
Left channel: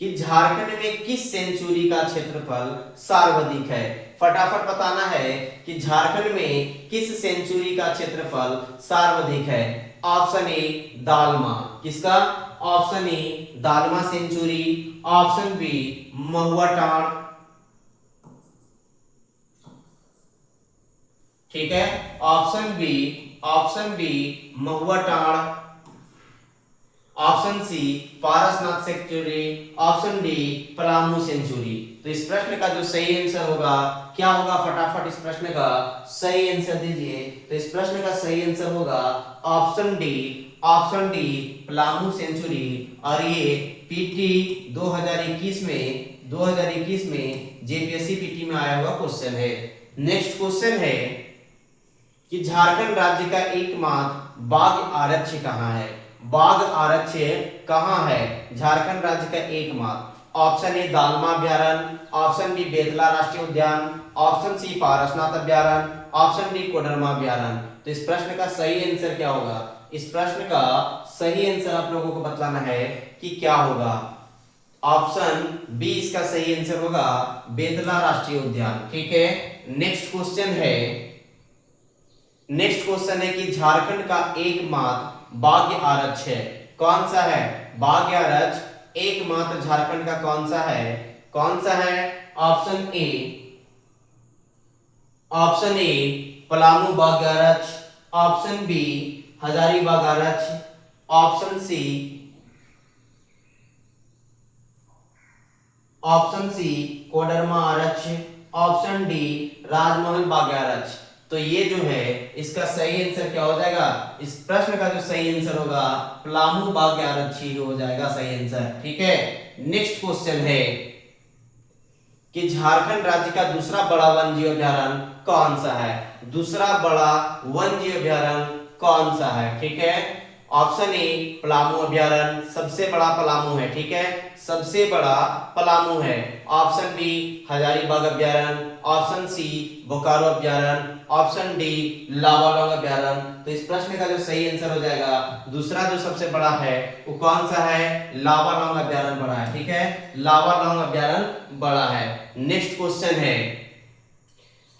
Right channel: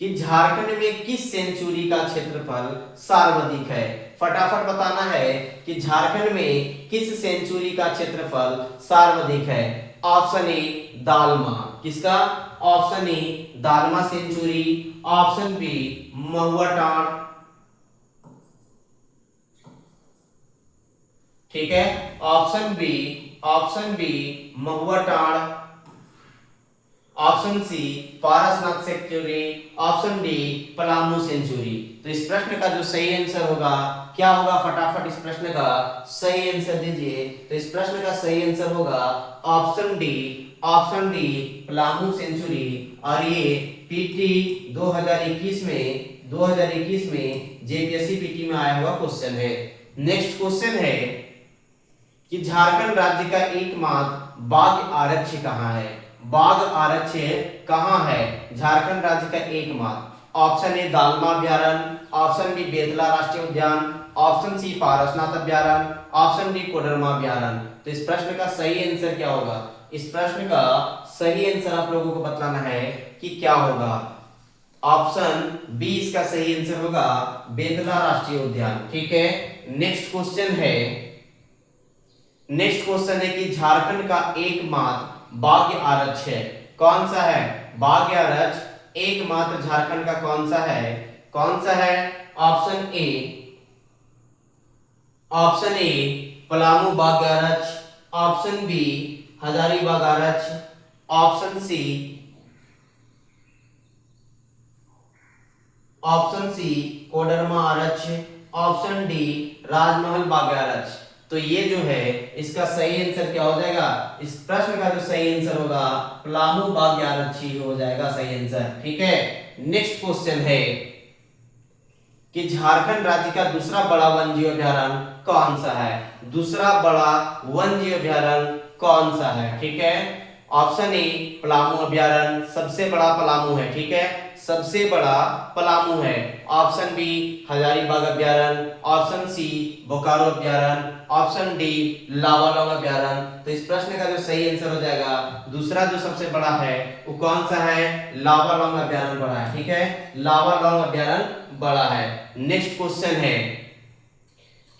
कि झारखंड में किस सेंचुरी का क्षेत्रफल सर्वाधिक है? फटाफट बताना है कि झारखंड में किस सेंचुरी का क्षेत्रफल सर्वाधिक है। ऑप्शन ए दालमा, किसका? Option A Dalma sanctuary, option B Mahua Tand, ठीक है, option B Mahua Tand, option C Parasnath sanctuary, option D Palamu sanctuary. तो इस प्रश्न का जो सही आंसर होगा क्या होगा? फटाफट इस प्रश्न का सही आंसर दीजिए। तो इस प्रश्न का सही आंसर होगा ऑप्शन डी पलामू सेंचुरी। और ये पीटी 2021 में जेपीएससी पीटी में आया हुआ क्वेश्चन है। नेक्स्ट क्वेश्चन है कि झारखंड राज्य का एकमात्र बाघ आरक्ष कहाँ है? बाघ आरक्ष कहाँ है झारखंड राज्य का एकमात्र? ऑप्शन ए दालमा अभ्यारण्य, ऑप्शन बी बेतला राष्ट्रीय उद्यान, ऑप्शन सी पारसनाथ अभ्यारण्य, ऑप्शन डी कोडरमा अभ्यारण्य। तो इस प्रश्न का सही आंसर क्या होगा? इस प्रश्न का सही आंसर आप लोगों को बतलाना है कि क्या होगा। ऑप्शन बी इसका सही आंसर होगा बेतला राष्ट्रीय उद्यान, ठीक है। नेक्स्ट क्वेश्चन है कि झारखंड का एकमात्र बाघ आरक्ष है, कौन सा है? बाघ आरक्ष एकमात्र झारखंड का कौन सा है? ऑप्शन ए पलामू बाघ आरक्ष, ऑप्शन बी हजारीबाग आरक्ष, ऑप्शन सी कोडरमा आरक्ष, ऑप्शन डी राजमहल बाघ आरक्ष। तो ये जो है इसका सही आंसर क्या हो जाएगा? इस प्रश्न का जो सही आंसर होगा पलामू बाघ आरक्ष ही हो जाएगा सही आंसर, ठीक है। नेक्स्ट क्वेश्चन है कि झारखंड राज्य का दूसरा बड़ा वन्यजीव अभ्यारण्य कौन सा है? दूसरा बड़ा वन्यजीव अभ्यारण्य कौन सा है, ठीक है। ऑप्शन ए पलामू अभ्यारण्य, सबसे बड़ा पलामू है, ठीक है, सबसे बड़ा पलामू है। ऑप्शन बी हजारीबाग अभ्यारण्य, ऑप्शन सी बोकारो अभ्यारण्य, ऑप्शन डी लावालौंग अभ्यारण्य। तो इस प्रश्न का जो सही आंसर हो जाएगा दूसरा जो सबसे बड़ा है वो कौन सा है? लावालौंग अभ्यारण्य बड़ा है, ठीक है, लावालौंग अभ्यारण्य बड़ा है। नेक्स्ट क्वेश्चन है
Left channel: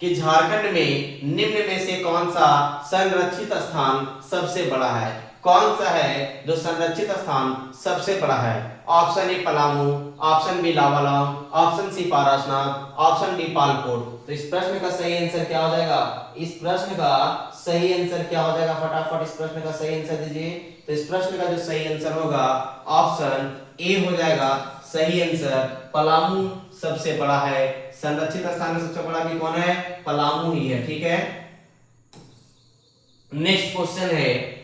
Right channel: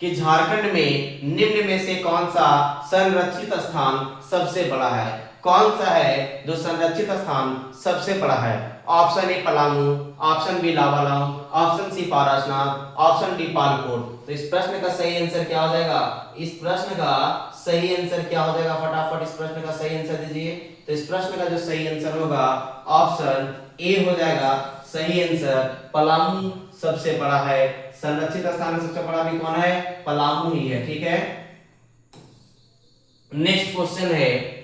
कि झारखंड में निम्न में से कौन सा संरक्षित स्थान सबसे बड़ा है? कौन सा है जो संरक्षित स्थान सबसे बड़ा है? Option A Palamu, option B Lawalong, option C Parasnath, option D Palkot. तो इस प्रश्न का सही आंसर क्या हो जाएगा? इस प्रश्न का सही आंसर क्या हो जाएगा? फटाफट इस प्रश्न का सही आंसर दीजिए। तो इस प्रश्न का जो सही आंसर होगा ऑप्शन ए हो जाएगा सही आंसर। पलामू सबसे बड़ा है, संरक्षित स्थान में सबसे बड़ा भी कौन है? पलामू ही है, ठीक है। नेक्स्ट क्वेश्चन है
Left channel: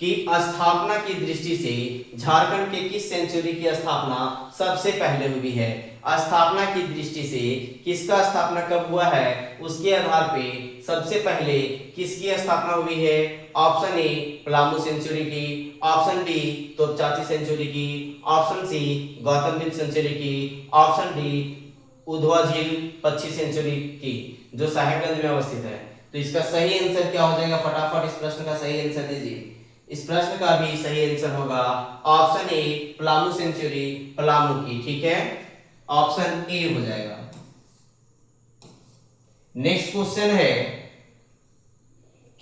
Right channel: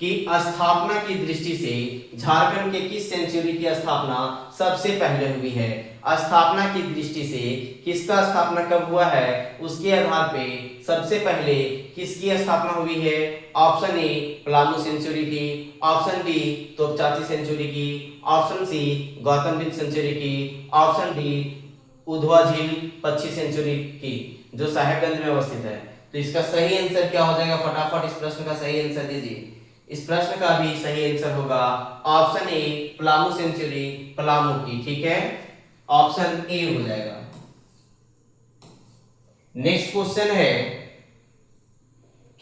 कि स्थापना की दृष्टि से झारखंड के किस सेंचुरी की स्थापना सबसे पहले हुई है? स्थापना की दृष्टि से किसका स्थापना कब हुआ है उसके आधार पे सबसे पहले किसकी स्थापना हुई है। ऑप्शन ए पलामू सेंचुरी की, ऑप्शन डी तोपचाची सेंचुरी की, option C Gautam Buddha sanctuary की, ऑप्शन डी उधवा झील 25 सेंचुरी की, जो साहेबगंज में अवस्थित है। तो इसका सही आंसर क्या हो जाएगा, फटाफट इस प्रश्न का सही आंसर दीजिए। इस प्रश्न का भी सही आंसर होगा option A Palamu sanctuary Palamu की, ठीक है, ऑप्शन ए हो जाएगा। नेक्स्ट क्वेश्चन है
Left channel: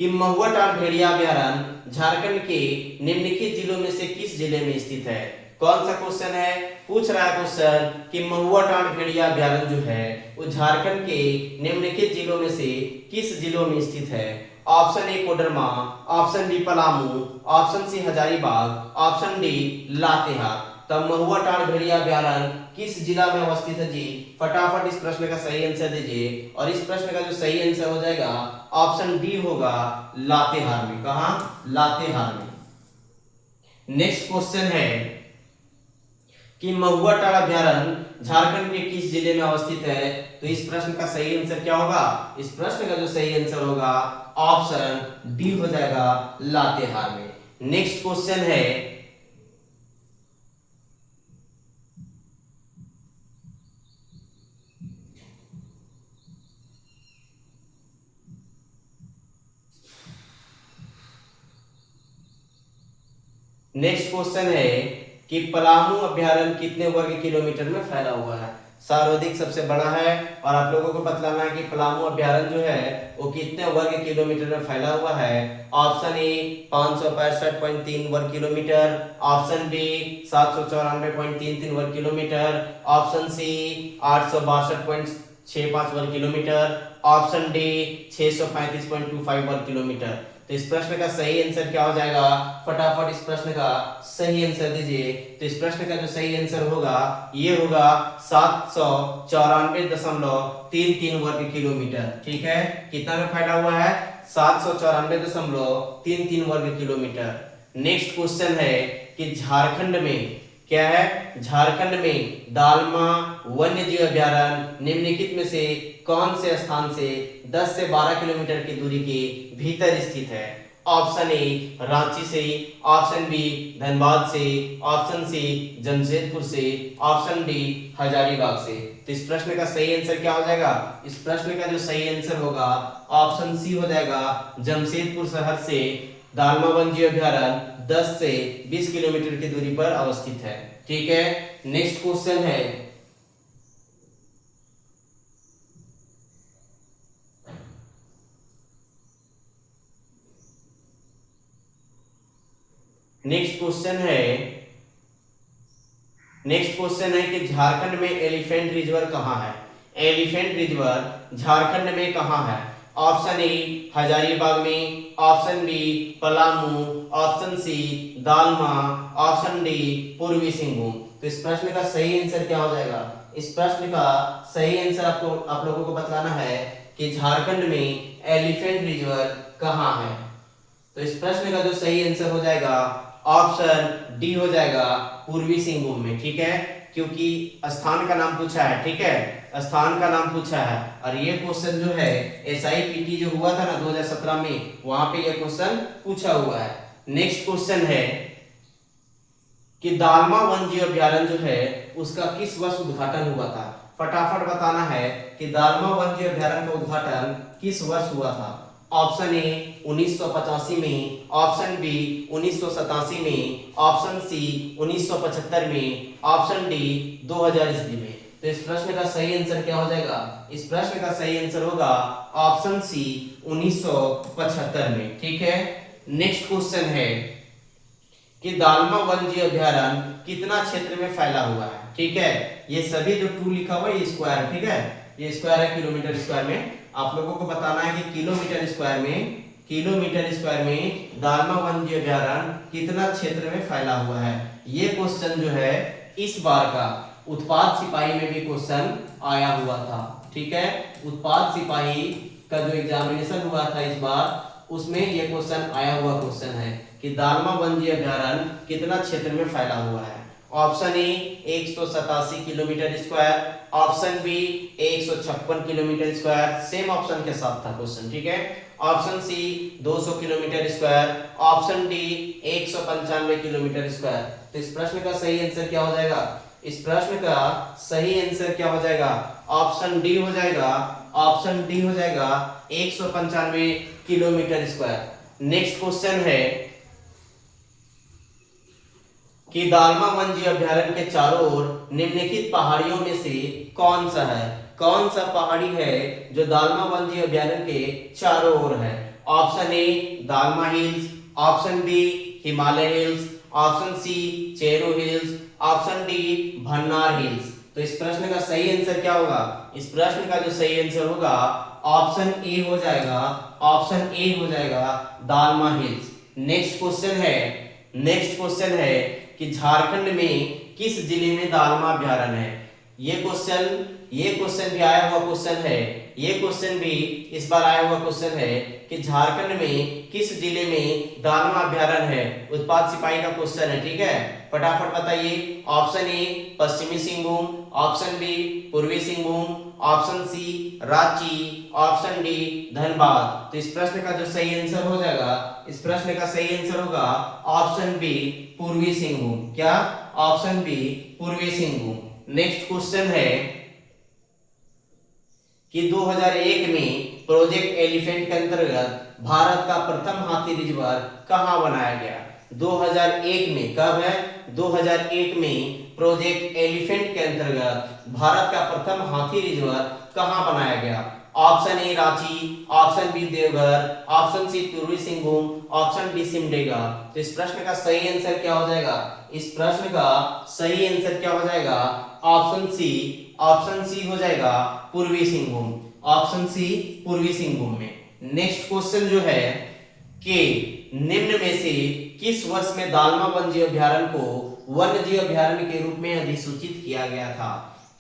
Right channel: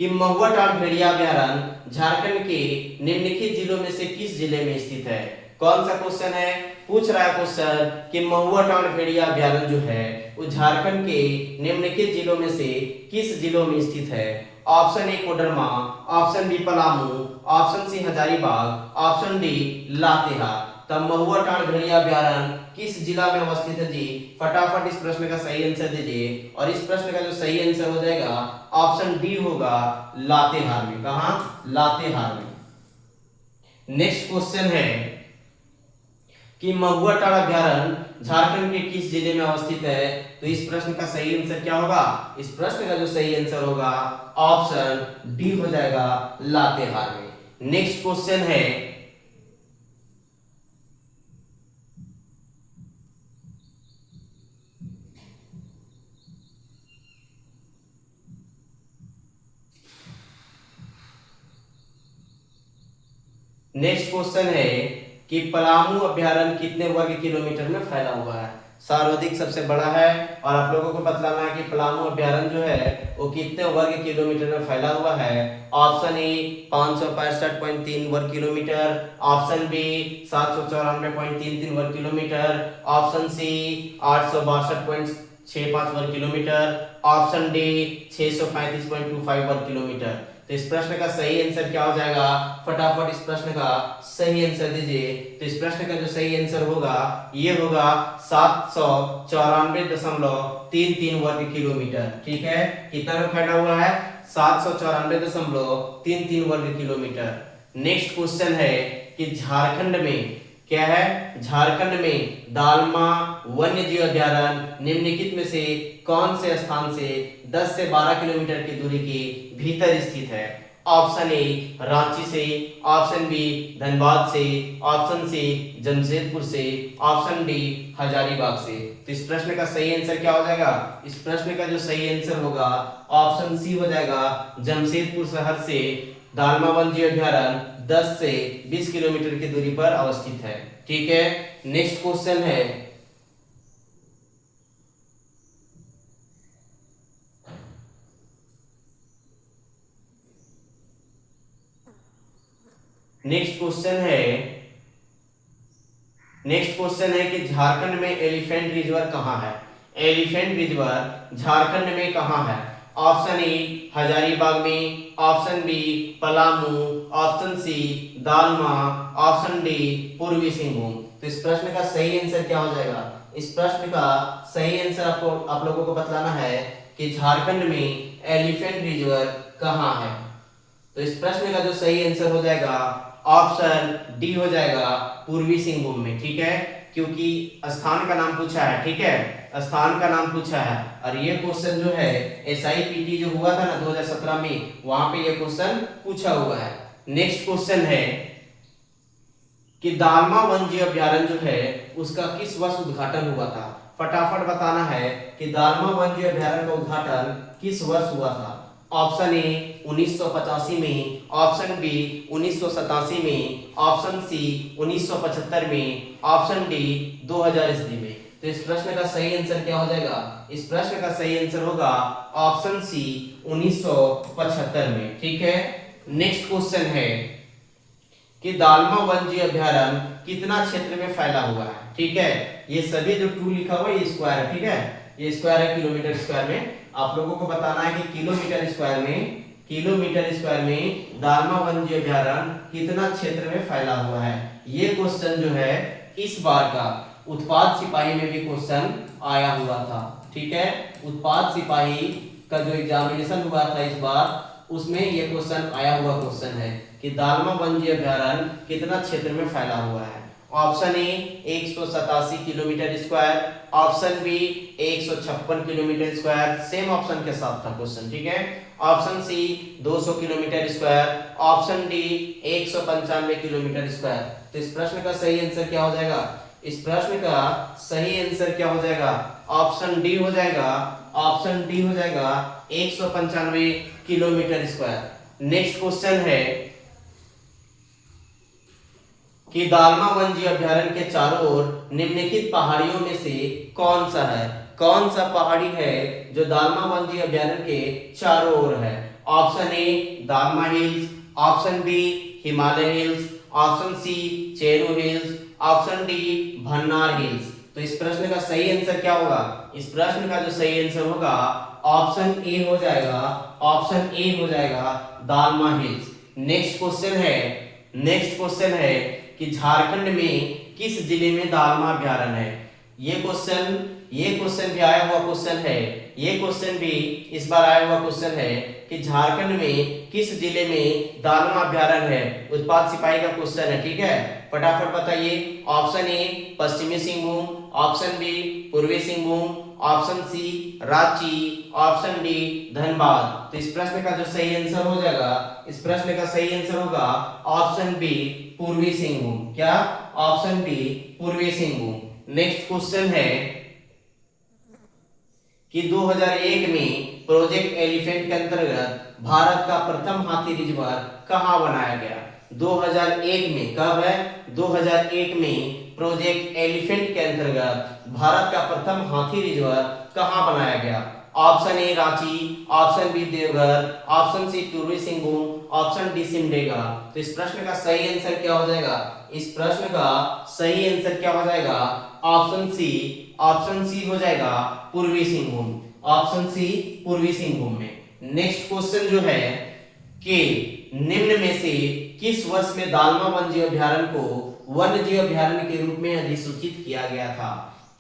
कि महुआ टाल भेड़िया अभ्यारण्य झारखंड के निम्नलिखित जिलों में से किस जिले में स्थित है। कौन सा क्वेश्चन है, पूछ रहा है क्वेश्चन कि महुआ टाल भेड़िया अभ्यारण्य जो है वो झारखंड के निम्नलिखित जिलों में से किस जिलों में स्थित है। Option A Koderma, option D Palamu, option C Hazaribagh, option D Latehar. तब महुआ टाल भेड़िया अभ्यारण्य किस जिला में अवस्थित है जी, फटाफट इस प्रश्न का सही आंसर दीजिए। और इस प्रश्न का जो सही आंसर हो जाएगा ऑप्शन डी होगा लातेहार में। कहा, लातेहार में। नेक्स्ट क्वेश्चन है कि महुआ टाल अभ्यारण्य झारखंड के किस जिले में अवस्थित है। तो इस प्रश्न का सही आंसर क्या होगा, इस प्रश्न का जो सही आंसर होगा ऑप्शन डी हो जाएगा लातेहार में। नेक्स्ट क्वेश्चन है कि पलामू अभ्यारण्य कितने वर्ग किलोमीटर में फैला हुआ है। सर्वाधिक सबसे बड़ा है और आप लोगों को बतलाना है कि पलामू अभ्यारण्य जो है वो कितने वर्ग किलोमीटर में फैला हुआ है। ऑप्शन ए 565.3 वर्ग किलोमीटर, ऑप्शन बी 794.33 वर्ग किलोमीटर, ऑप्शन सी 862.65 वर्ग किलोमीटर, ऑप्शन डी 635.25 वर्ग किलोमीटर। तो इस प्रश्न का सही आंसर क्या हो जाएगा, फटाफट इस प्रश्न का सही आंसर दीजिए। तो इस प्रश्न का जो सही आंसर होगा ये होगा 794.33 वर्ग किलोमीटर, ठीक है। कितना में फैला हुआ है, 794.33 वर्ग किलोमीटर। नेक्स्ट क्वेश्चन है कि झारखंड में क्या है, झारखंड में दालमा वन्य जीव अभ्यारण्य निम्नलिखित में से कौन से स्थान से 10 से 12 किलोमीटर की दूरी के भीतर स्थित है। ऑप्शन ए रांची से, ऑप्शन बी धनबाद से, ऑप्शन सी जमशेदपुर से, ऑप्शन डी हजारीबाग से। तो इस प्रश्न का सही आंसर क्या हो जाएगा, इस प्रश्न का जो सही आंसर होगा ऑप्शन सी हो जाएगा, जमशेदपुर शहर से दालमा वन्य जीव अभ्यारण्य 10 से 20 किलोमीटर की दूरी पर अवस्थित है, ठीक है। नेक्स्ट क्वेश्चन है नेक्स्ट क्वेश्चन है कि झारखंड में एलिफेंट रिजर्व कहाँ है। एलिफेंट रिजर्व झारखंड में कहाँ है। ऑप्शन ए हजारीबाग में, option B Palamu, option C Dalma, option D Purbi Singhbhum. तो इस प्रश्न का सही आंसर क्या हो जाएगा, इस प्रश्न का सही आंसर आपको आप लोगों को बतलाना है कि झारखंड में एलिफेंट रिजर्व कहाँ है। तो इस प्रश्न का जो सही आंसर हो जाएगा ऑप्शन डी हो जाएगा, पूर्वी सिंहभूम में, ठीक है। क्योंकि स्थान का नाम पूछा है, ठीक है, स्थान का नाम पूछा है। और ये क्वेश्चन जो है SIPT जो हुआ था ना 2017 में, वहां पे ये क्वेश्चन पूछा हुआ है। नेक्स्ट क्वेश्चन है कि दालमा वन्य जीव अभ्यारण्य जो है उसका किस वर्ष उद्घाटन हुआ था। फटाफट बताना है कि दालमा वन्य जीव अभ्यारण्य का उद्घाटन किस वर्ष हुआ था। ऑप्शन ए 1985 में, ऑप्शन बी 1987 में, ऑप्शन सी 1975 में, ऑप्शन डी 2000 ईस्वी में। तो इस प्रश्न का सही आंसर क्या हो जाएगा, इस प्रश्न का सही आंसर होगा ऑप्शन सी 1975 में, ठीक है। नेक्स्ट क्वेश्चन है कि दालमा वन्य जीव अभ्यारण्य कितना क्षेत्र में फैला हुआ है, ठीक है। ये सभी जो 2 लिखा हुआ है ये स्क्वायर है, ठीक है, ये स्क्वायर है किलोमीटर स्क्वायर में। आप लोगों को बताना है कि किलोमीटर स्क्वायर में दालमा वन्य जीव अभ्यारण्य कितना क्षेत्र में फैला हुआ है। ये क्वेश्चन जो है इस बार का उत्पाद सिपाही में भी क्वेश्चन आया हुआ था, ठीक है। उत्पाद सिपाही का जो एग्जामिनेशन हुआ था इस बार, उसमें ये क्वेश्चन आया हुआ क्वेश्चन है कि दालमा वन्य जीव अभ्यारण्य कितना क्षेत्र में फैला हुआ है। Option A 187 kilometre square, option B 156 kilometre square, same option के साथ था क्वेश्चन, ठीक है। Option C 200 kilometre square, option D 195 kilometre square. तो इस प्रश्न का सही आंसर क्या हो जाएगा? इस प्रश्न का सही आंसर क्या हो जाएगा? ऑप्शन डी हो जाएगा, ऑप्शन डी हो जाएगा 195 किलोमीटर स्क्वायर। नेक्स्ट क्वेश्चन है कि दालमा वन्यजीव अभ्यारण्य के चारों ओर निम्नलिखित पहाड़ियों में से कौन सा है? कौन सा पहाड़ी है जो दालमा वन्यजीव अभ्यारण्य के चारों ओर है? Option A Dalma hills, option B Himalaya hills, option C Cheru hills, option D Bhannar hills. तो इस प्रश्न का सही आंसर क्या होगा? इस प्रश्न का जो सही आंसर होगा ऑप्शन ए हो जाएगा, ऑप्शन ए हो जाएगा दालमा हिल्स। नेक्स्ट क्वेश्चन है कि झारखंड में किस जिले में दालमा अभ्यारण्य है? ये क्वेश्चन भी आया हुआ क्वेश्चन है, ये क्वेश्चन भी इस बार आया हुआ क्वेश्चन है कि झारखंड में किस जिले में दालमा अभ्यारण्य है। उत्पाद सिपाही का क्वेश्चन है, ठीक है। फटाफट बताइए। ऑप्शन ए पश्चिमी Singhbhum, option B Purbi Singhbhum, option C Ranchi, option D Dhanbad. तो इस प्रश्न का जो सही आंसर हो जाएगा, इस प्रश्न का सही आंसर होगा ऑप्शन बी पूर्वी सिंहभूम। क्या? Option B Purbi Singhbhum. Next question है कि 2001 में प्रोजेक्ट एलिफेंट के अंतर्गत भारत का प्रथम हाथी रिजर्व कहां बनाया गया? 2001 में, कब है? 2001 में प्रोजेक्ट एलिफेंट के अंतर्गत भारत का प्रथम हाथी रिजर्व कहां बनाया गया? Option A Ranchi, option B Deoghar, option C Purbi Singhbhum, option D Simdega. तो इस प्रश्न का सही आंसर क्या हो जाएगा? इस प्रश्न का सही आंसर क्या हो जाएगा? ऑप्शन सी हो जाएगा पूर्वी सिंहभूम, ऑप्शन सी पूर्वी सिंहभूम में। नेक्स्ट क्वेश्चन जो है कि निम्न में से किस वर्ष में दालमा वन्यजीव अभ्यारण्य को वन्यजीव अभ्यारण्य के रूप में अधिसूचित किया गया था?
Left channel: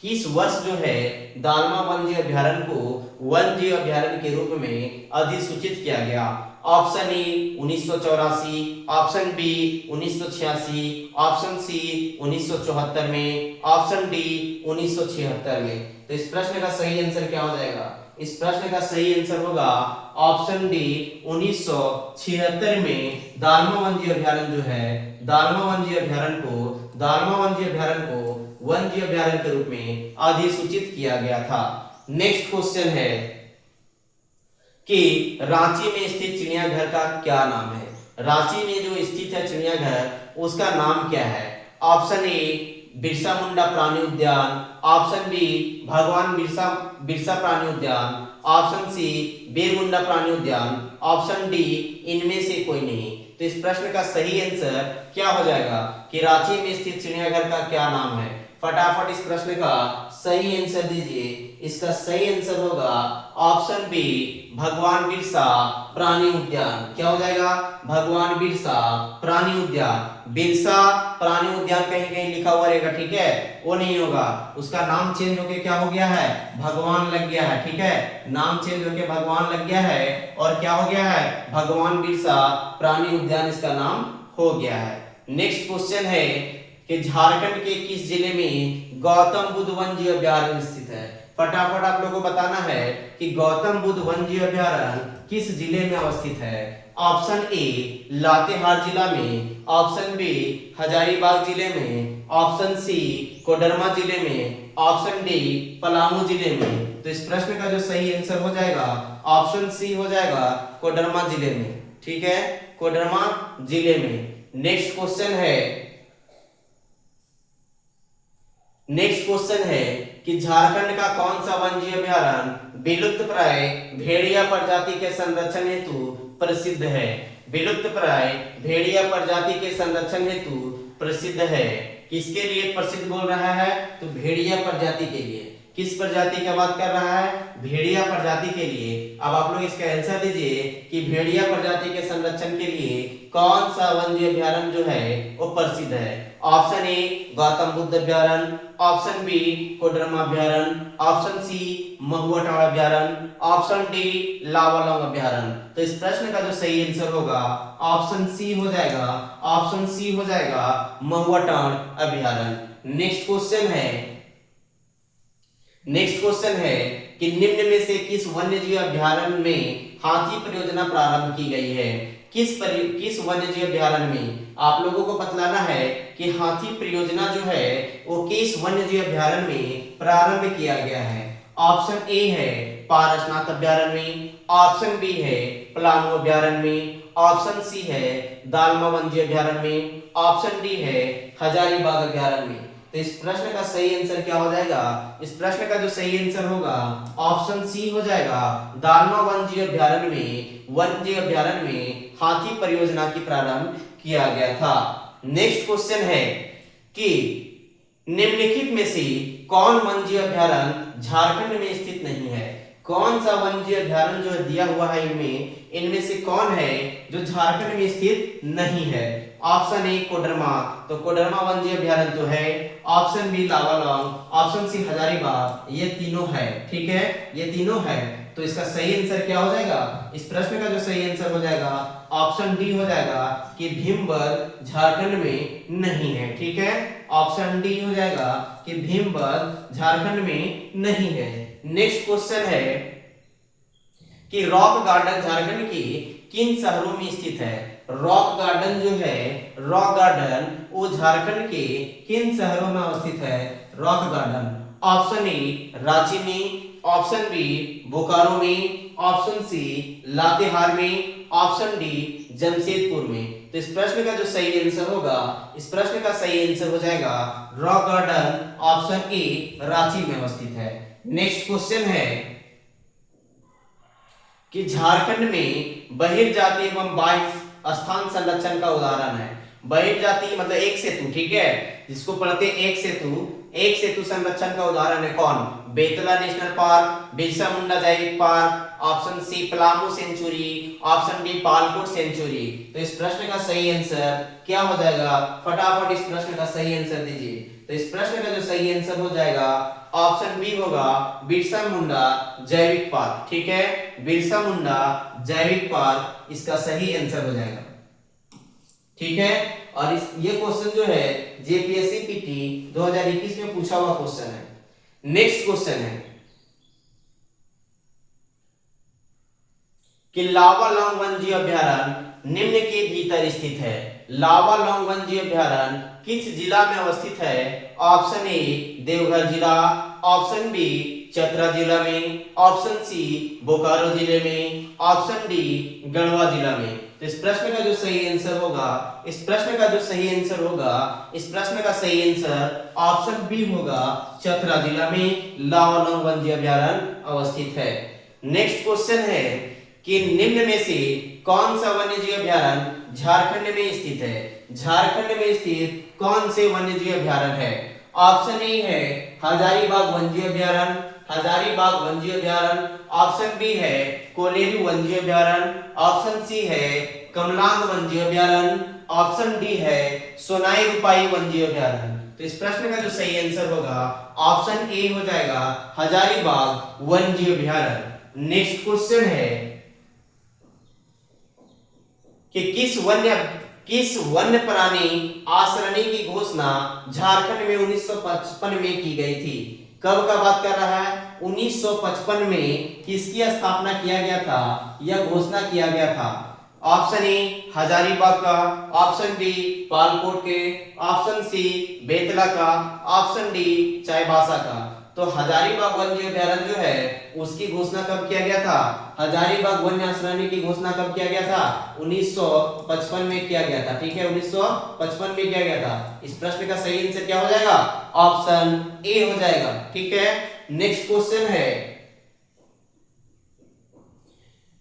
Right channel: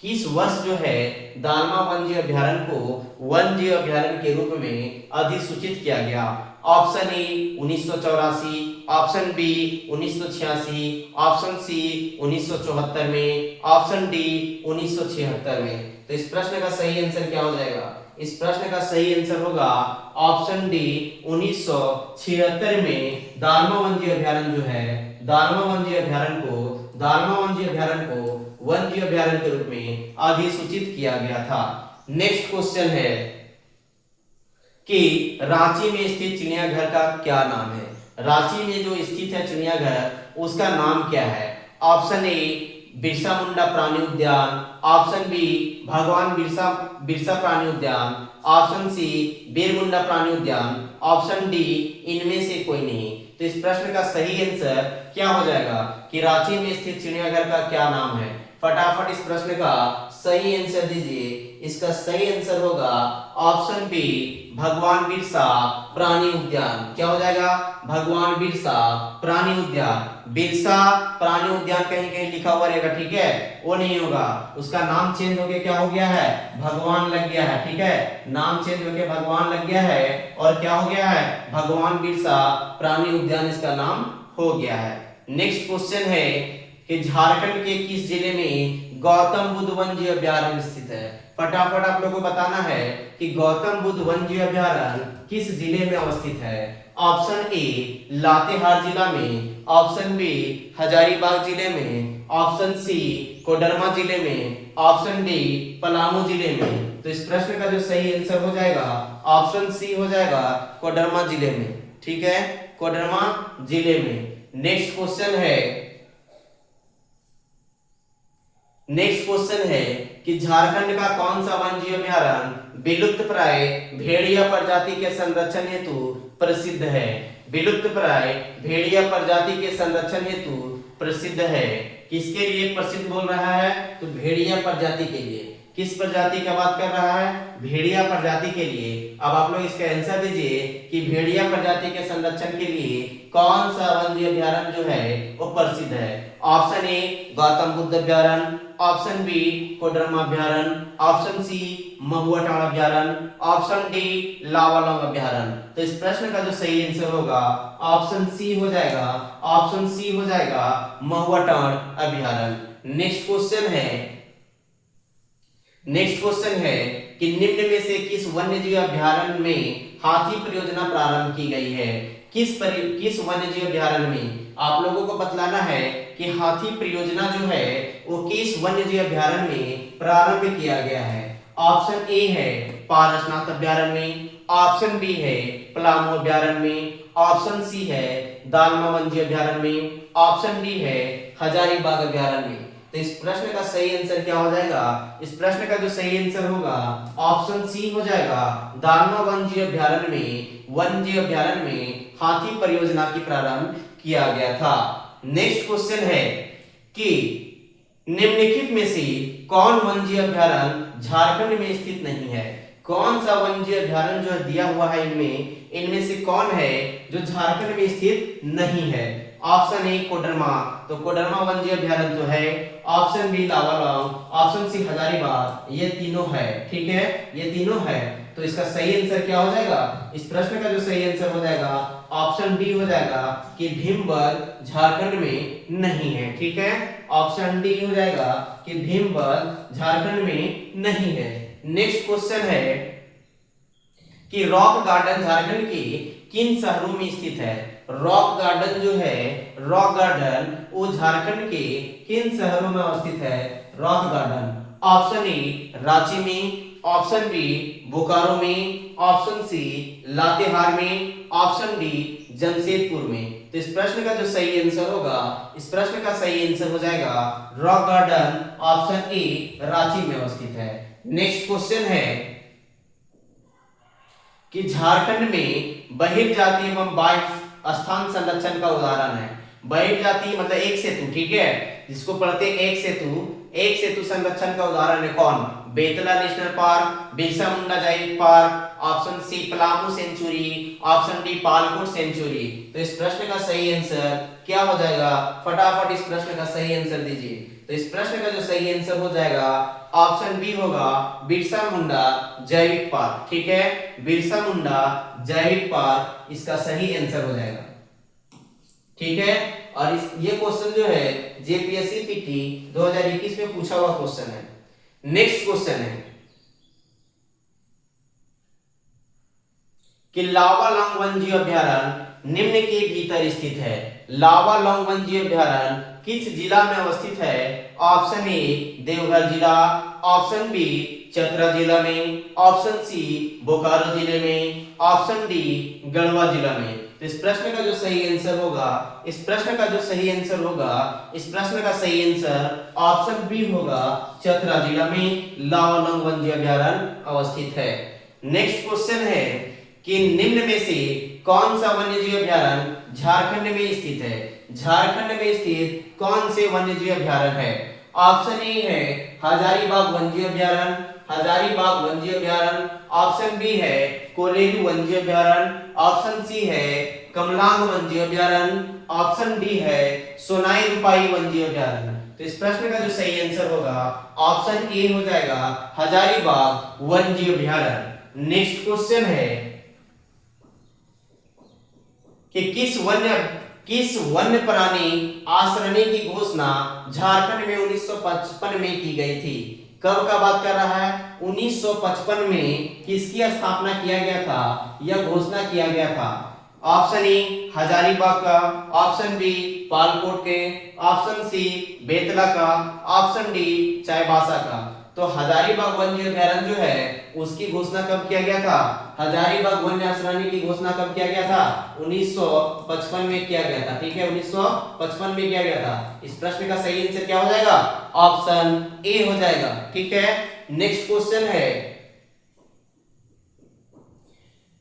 किस वर्ष जो है दालमा वन्यजीव अभ्यारण्य को वन्यजीव अभ्यारण्य के रूप में अधिसूचित किया गया? Option A 1984, option B 1986, option C 1974 में, ऑप्शन डी 1976 में। तो इस प्रश्न का सही आंसर क्या हो जाएगा? इस प्रश्न का सही आंसर होगा ऑप्शन डी 1976 में दालमा वन्यजीव अभ्यारण्य जो है, दालमा वन्यजीव अभ्यारण्य को वन्यजीव अभ्यारण्य के रूप में अधिसूचित किया गया था। नेक्स्ट क्वेश्चन है कि रांची में स्थित चिड़ियाघर का क्या नाम है? रांची में जो स्थित है चिड़ियाघर, उसका नाम क्या है? ऑप्शन ए बिरसा मुंडा प्राणी उद्यान, ऑप्शन बी भगवान बिरसा प्राणी उद्यान, ऑप्शन सी बीर मुंडा प्राणी उद्यान, ऑप्शन डी इनमें से कोई नहीं। तो इस प्रश्न का सही आंसर क्या हो जाएगा कि रांची में स्थित चिड़ियाघर का क्या नाम है? फटाफट इस प्रश्न का सही आंसर दीजिए। इसका सही आंसर होगा ऑप्शन बी भगवान बिरसा प्राणी उद्यान। क्या हो जाएगा? भगवान बिरसा प्राणी उद्यान। बिरसा प्राणी उद्यान कहीं कहीं लिखा हुआ रहेगा, ठीक है, वो नहीं होगा, उसका नाम चेंज होके क्या हो गया है? भगवान लग गया है, ठीक है, नाम चेंज होके भगवान लग गया है और क्या हो गया है? भगवान बिरसा प्राणी उद्यान इसका नाम हो गया है। नेक्स्ट क्वेश्चन है कि झारखंड के किस जिले में गौतम बुद्ध वन्यजीव अभ्यारण्य स्थित है? फटाफट आप लोगों को बताना है कि गौतम बुद्ध वन्यजीव अभ्यारण्य किस जिले में अवस्थित है। ऑप्शन ए लातेहार जिला में, ऑप्शन बी हजारीबाग जिले में, ऑप्शन सी कोडरमा जिले में, ऑप्शन डी पलामू जिले में। तो इस प्रश्न का जो सही आंसर हो जाएगा ऑप्शन सी हो जाएगा कोडरमा जिले में, ठीक है, कोडरमा जिले में। नेक्स्ट क्वेश्चन है कि झारखंड का कौन सा वन्यजीव अभ्यारण्य विलुप्त प्राय भेड़िया प्रजाति के संरक्षण हेतु प्रसिद्ध है? विलुप्त प्राय भेड़िया प्रजाति के संरक्षण हेतु प्रसिद्ध है। किसके लिए प्रसिद्ध बोल रहा है? तो भेड़िया प्रजाति के लिए। किस प्रजाति का बात कर रहा है? भेड़िया प्रजाति के लिए। अब आप लोग इसका आंसर दीजिए कि भेड़िया प्रजाति के संरक्षण के लिए कौन सा वन्यजीव अभ्यारण्य जो है वो प्रसिद्ध है? ऑप्शन ए गौतम बुद्ध अभ्यारण्य, ऑप्शन बी कोडरमा अभ्यारण्य, ऑप्शन सी महुआ टाड़ अभ्यारण्य, ऑप्शन डी लावालौंग अभ्यारण्य। तो इस प्रश्न का जो सही आंसर होगा ऑप्शन सी हो जाएगा, ऑप्शन सी हो जाएगा महुआ टांड अभ्यारण्य। नेक्स्ट क्वेश्चन है कि निम्न में से किस वन्यजीव अभ्यारण्य में हाथी परियोजना प्रारंभ की गई है? किस वन्यजीव अभ्यारण्य में आप लोगों को बतलाना है कि हाथी परियोजना जो है वो किस वन्यजीव अभ्यारण्य में प्रारंभ किया गया है। ऑप्शन ए है पारसनाथ अभ्यारण्य में, ऑप्शन बी है पलामू अभ्यारण्य में, ऑप्शन सी है दालमा वन्यजीव अभ्यारण्य में, ऑप्शन डी है हजारीबाग अभ्यारण्य में। तो इस प्रश्न का सही आंसर क्या हो जाएगा? इस प्रश्न का जो सही आंसर होगा ऑप्शन सी हो जाएगा, दालमा वन्यजीव अभ्यारण्य में हाथी परियोजना की प्रारंभ किया गया था। नेक्स्ट क्वेश्चन है कि निम्नलिखित में से कौन वन्यजीव अभ्यारण्य झारखंड में स्थित नहीं है? कौन सा वन्यजीव अभ्यारण्य जो दिया हुआ है इनमें से कौन है जो झारखंड में स्थित नहीं है? ऑप्शन ए कोडरमा, तो कोडरमा वन्यजीव अभ्यारण्य तो है, option B Lawalong, option C Hazaribagh, ये तीनों है। ठीक है, ये तीनों है। तो इसका सही आंसर क्या हो जाएगा? इस प्रश्न का जो सही आंसर हो जाएगा ऑप्शन डी हो जाएगा कि भीमबल झारखंड में नहीं है। ठीक है, ऑप्शन डी हो जाएगा कि भीमबल झारखंड में नहीं है। नेक्स्ट क्वेश्चन है कि रॉक गार्डन झारखंड के किन शहरों में स्थित है? रॉक गार्डन जो है, रॉक गार्डन वो झारखंड के किन शहरों में अवस्थित है? Rock garden option A Ranchi में, ऑप्शन बी बोकारो में, ऑप्शन सी लातेहार में, ऑप्शन डी जमशेदपुर में। तो इस प्रश्न का जो सही आंसर होगा, इस प्रश्न का सही आंसर हो जाएगा rock garden option A Ranchi में अवस्थित है। नेक्स्ट क्वेश्चन है कि झारखंड में बहिर्जातीय एवं बाह्य स्थान संरक्षण का उदाहरण है। बहिर्जातीय मतलब एक सेतु, ठीक है, जिसको पढ़ते एक सेतु संरक्षण का उदाहरण है कौन? बेतला नेशनल पार्क, बिरसा मुंडा जैविक park, option C Palamu sanctuary, option D Palkot sanctuary. तो इस प्रश्न का सही आंसर क्या हो जाएगा? फटाफट इस प्रश्न का सही आंसर दीजिए। तो इस प्रश्न का जो सही आंसर हो जाएगा ऑप्शन बी होगा बिरसा मुंडा जैविक पार्क। ठीक है, बिरसा मुंडा जैविक पार्क इसका सही आंसर हो जाएगा। ठीक है, और ये क्वेश्चन जो है जेपीएससी पीटी 2021 में पूछा हुआ क्वेश्चन है। नेक्स्ट क्वेश्चन है कि लावा लॉन्ग वन्यजीव अभ्यारण्य निम्न के भीतर स्थित है। लावा लॉन्ग वन्यजीव अभ्यारण्य किस जिला में अवस्थित है? ऑप्शन ए देवघर जिला, ऑप्शन बी चतरा जिला में, ऑप्शन सी बोकारो जिले में, ऑप्शन डी गढ़वा जिला में। तो इस प्रश्न का जो सही आंसर होगा, इस प्रश्न का सही आंसर ऑप्शन बी होगा, चतरा जिला में लावा लॉन्ग वन्यजीव अभ्यारण्य अवस्थित है। नेक्स्ट क्वेश्चन है कि निम्न में से कौन सा वन्यजीव अभ्यारण्य झारखंड में स्थित है? झारखंड में स्थित कौन से वन्यजीव अभ्यारण्य है? ऑप्शन ए है हजारीबाग वन्यजीव अभ्यारण्य, ऑप्शन बी है कोलेरू वन्यजीव अभ्यारण्य, ऑप्शन सी है कमलांग वन्यजीव अभ्यारण्य, ऑप्शन डी है सोनाई रूपाई वन्यजीव अभ्यारण्य। तो इस प्रश्न का जो सही आंसर होगा ऑप्शन ए हो जाएगा हजारीबाग वन्यजीव अभ्यारण्य। नेक्स्ट क्वेश्चन है कि किस वन्य प्राणी आश्रय की घोषणा झारखंड में 1955 में की गई थी? कब का बात कर रहा है? 1955 में किसकी स्थापना किया गया था या घोषणा किया गया था? ऑप्शन ए हजारीबाग का, ऑप्शन बी पालकोट के, ऑप्शन सी बेतला का, ऑप्शन डी चाईबासा का। तो हजारीबाग वन्य अभ्यारण्य जो है उसकी घोषणा कब किया गया था? हजारीबाग वन्य आश्रय की घोषणा कब किया गया था? 1955 में किया गया था। ठीक है, 1955 में किया गया था। इस प्रश्न का सही आंसर क्या हो जाएगा? ऑप्शन ए हो जाएगा। ठीक है, नेक्स्ट क्वेश्चन है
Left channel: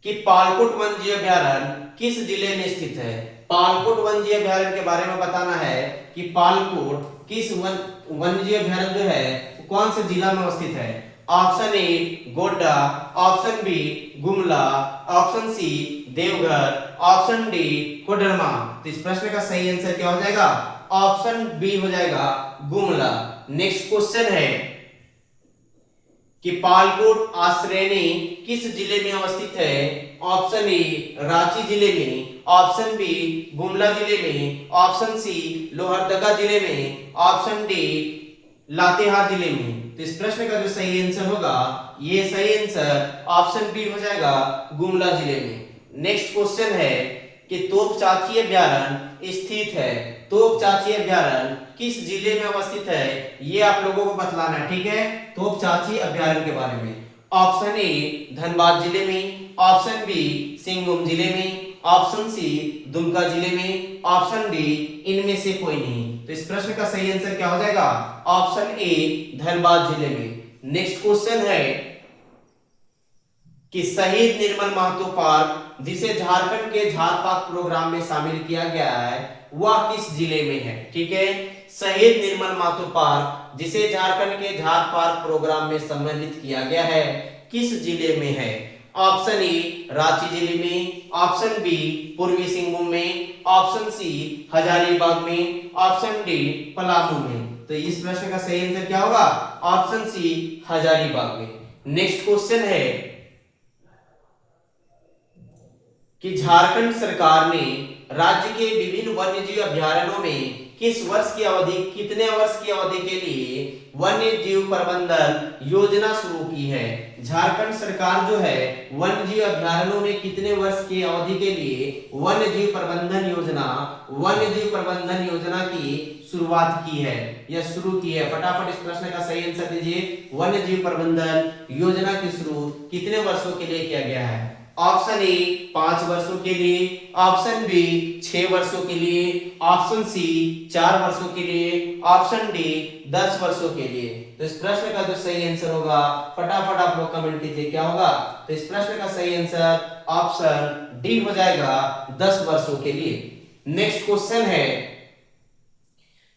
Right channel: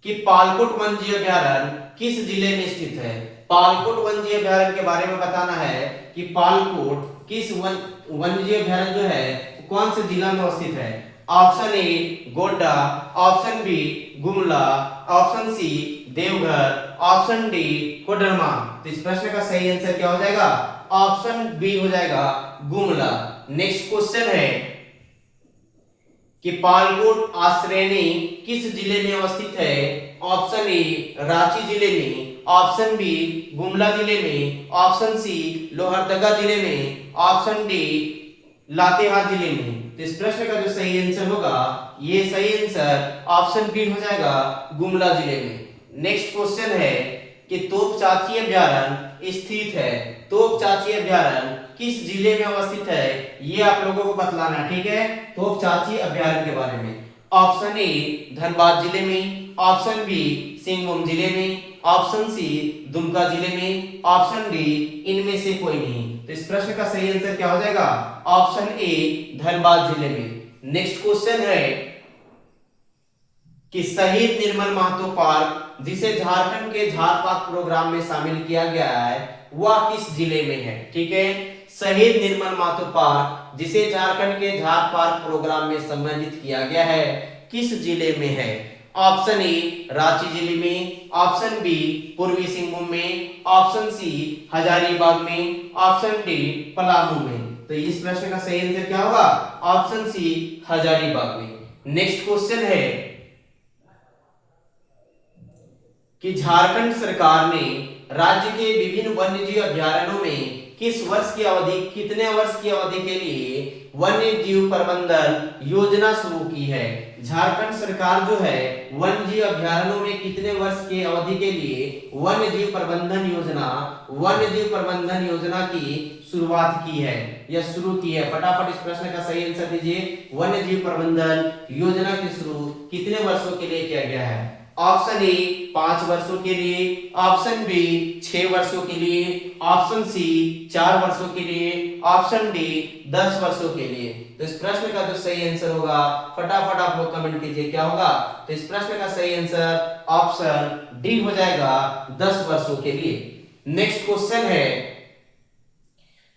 कि पालकोट वन्य अभ्यारण्य किस जिले में स्थित है? पालकोट वन्य अभ्यारण्य के बारे में बताना है कि पालकोट किस वन्य अभ्यारण्य जो है कौन से जिला में अवस्थित है? Option A Godda, option B Gumla, option C Deoghar, option D Koderma. तो इस प्रश्न का सही आंसर क्या हो जाएगा? ऑप्शन बी हो जाएगा गुमला। नेक्स्ट क्वेश्चन है कि पालकोट आश्रयनी किस जिले में अवस्थित है? ऑप्शन ए रांची जिले में, ऑप्शन बी गुमला जिले में, ऑप्शन सी लोहरदगा जिले में, ऑप्शन डी लातेहार जिले में। तो इस प्रश्न का जो सही आंसर होगा, ये सही आंसर ऑप्शन बी हो जाएगा, गुमला जिले में। नेक्स्ट क्वेश्चन है कि तोपचाची अभ्यारण्य स्थित है, तोपचाची अभ्यारण्य किस जिले में अवस्थित है, ये आप लोगों को बतलाना है, ठीक है। तोपचाची अभ्यारण्य के बारे में ऑप्शन ए धनबाद जिले में, ऑप्शन बी सिंहभूम जिले में, ऑप्शन सी दुमका जिले में, ऑप्शन डी इनमें से कोई नहीं। तो इस प्रश्न का सही आंसर क्या हो जाएगा, ऑप्शन ए धनबाद जिले में। नेक्स्ट क्वेश्चन है कि शहीद निर्मल महतो पार्क जिसे झारखंड के झार पार्क प्रोग्राम में शामिल किया गया है, वह किस जिले में है, ठीक है। शहीद निर्मल महतो पार्क जिसे झारखंड के झार पार्क प्रोग्राम में सम्मानित किया गया है, किस जिले में है। ऑप्शन ए रांची जिले में, ऑप्शन बी पूर्वी सिंहभूम में, ऑप्शन सी हजारीबाग में, ऑप्शन डी पलामू में। तो इस प्रश्न का सही आंसर क्या होगा, ऑप्शन सी हजारीबाग में। नेक्स्ट क्वेश्चन है कि झारखंड सरकार ने राज्य के विभिन्न वन्यजीव अभयारण्यों में किस वर्ष की अवधि, कितने वर्ष की अवधि के लिए वन्य जीव प्रबंधन योजना शुरू की है। झारखंड सरकार जो है वन्य जीव अभयारण्यों में कितने वर्ष की अवधि के लिए वन्य जीव प्रबंधन योजना की शुरुआत की है या शुरू की है। फटाफट इस प्रश्न का सही आंसर दीजिए। वन्य जीव प्रबंधन योजना की शुरू कितने वर्षों के लिए किया गया है। ऑप्शन ए 5 वर्षों के लिए, ऑप्शन बी 6 वर्षों के लिए, ऑप्शन सी 4 वर्षों के लिए, ऑप्शन डी 10 वर्षों के लिए। तो इस प्रश्न का जो सही आंसर होगा, फटाफट आप लोग कमेंट कीजिए क्या होगा। तो इस प्रश्न का सही आंसर ऑप्शन डी हो जाएगा, 10 वर्षों के लिए। नेक्स्ट क्वेश्चन है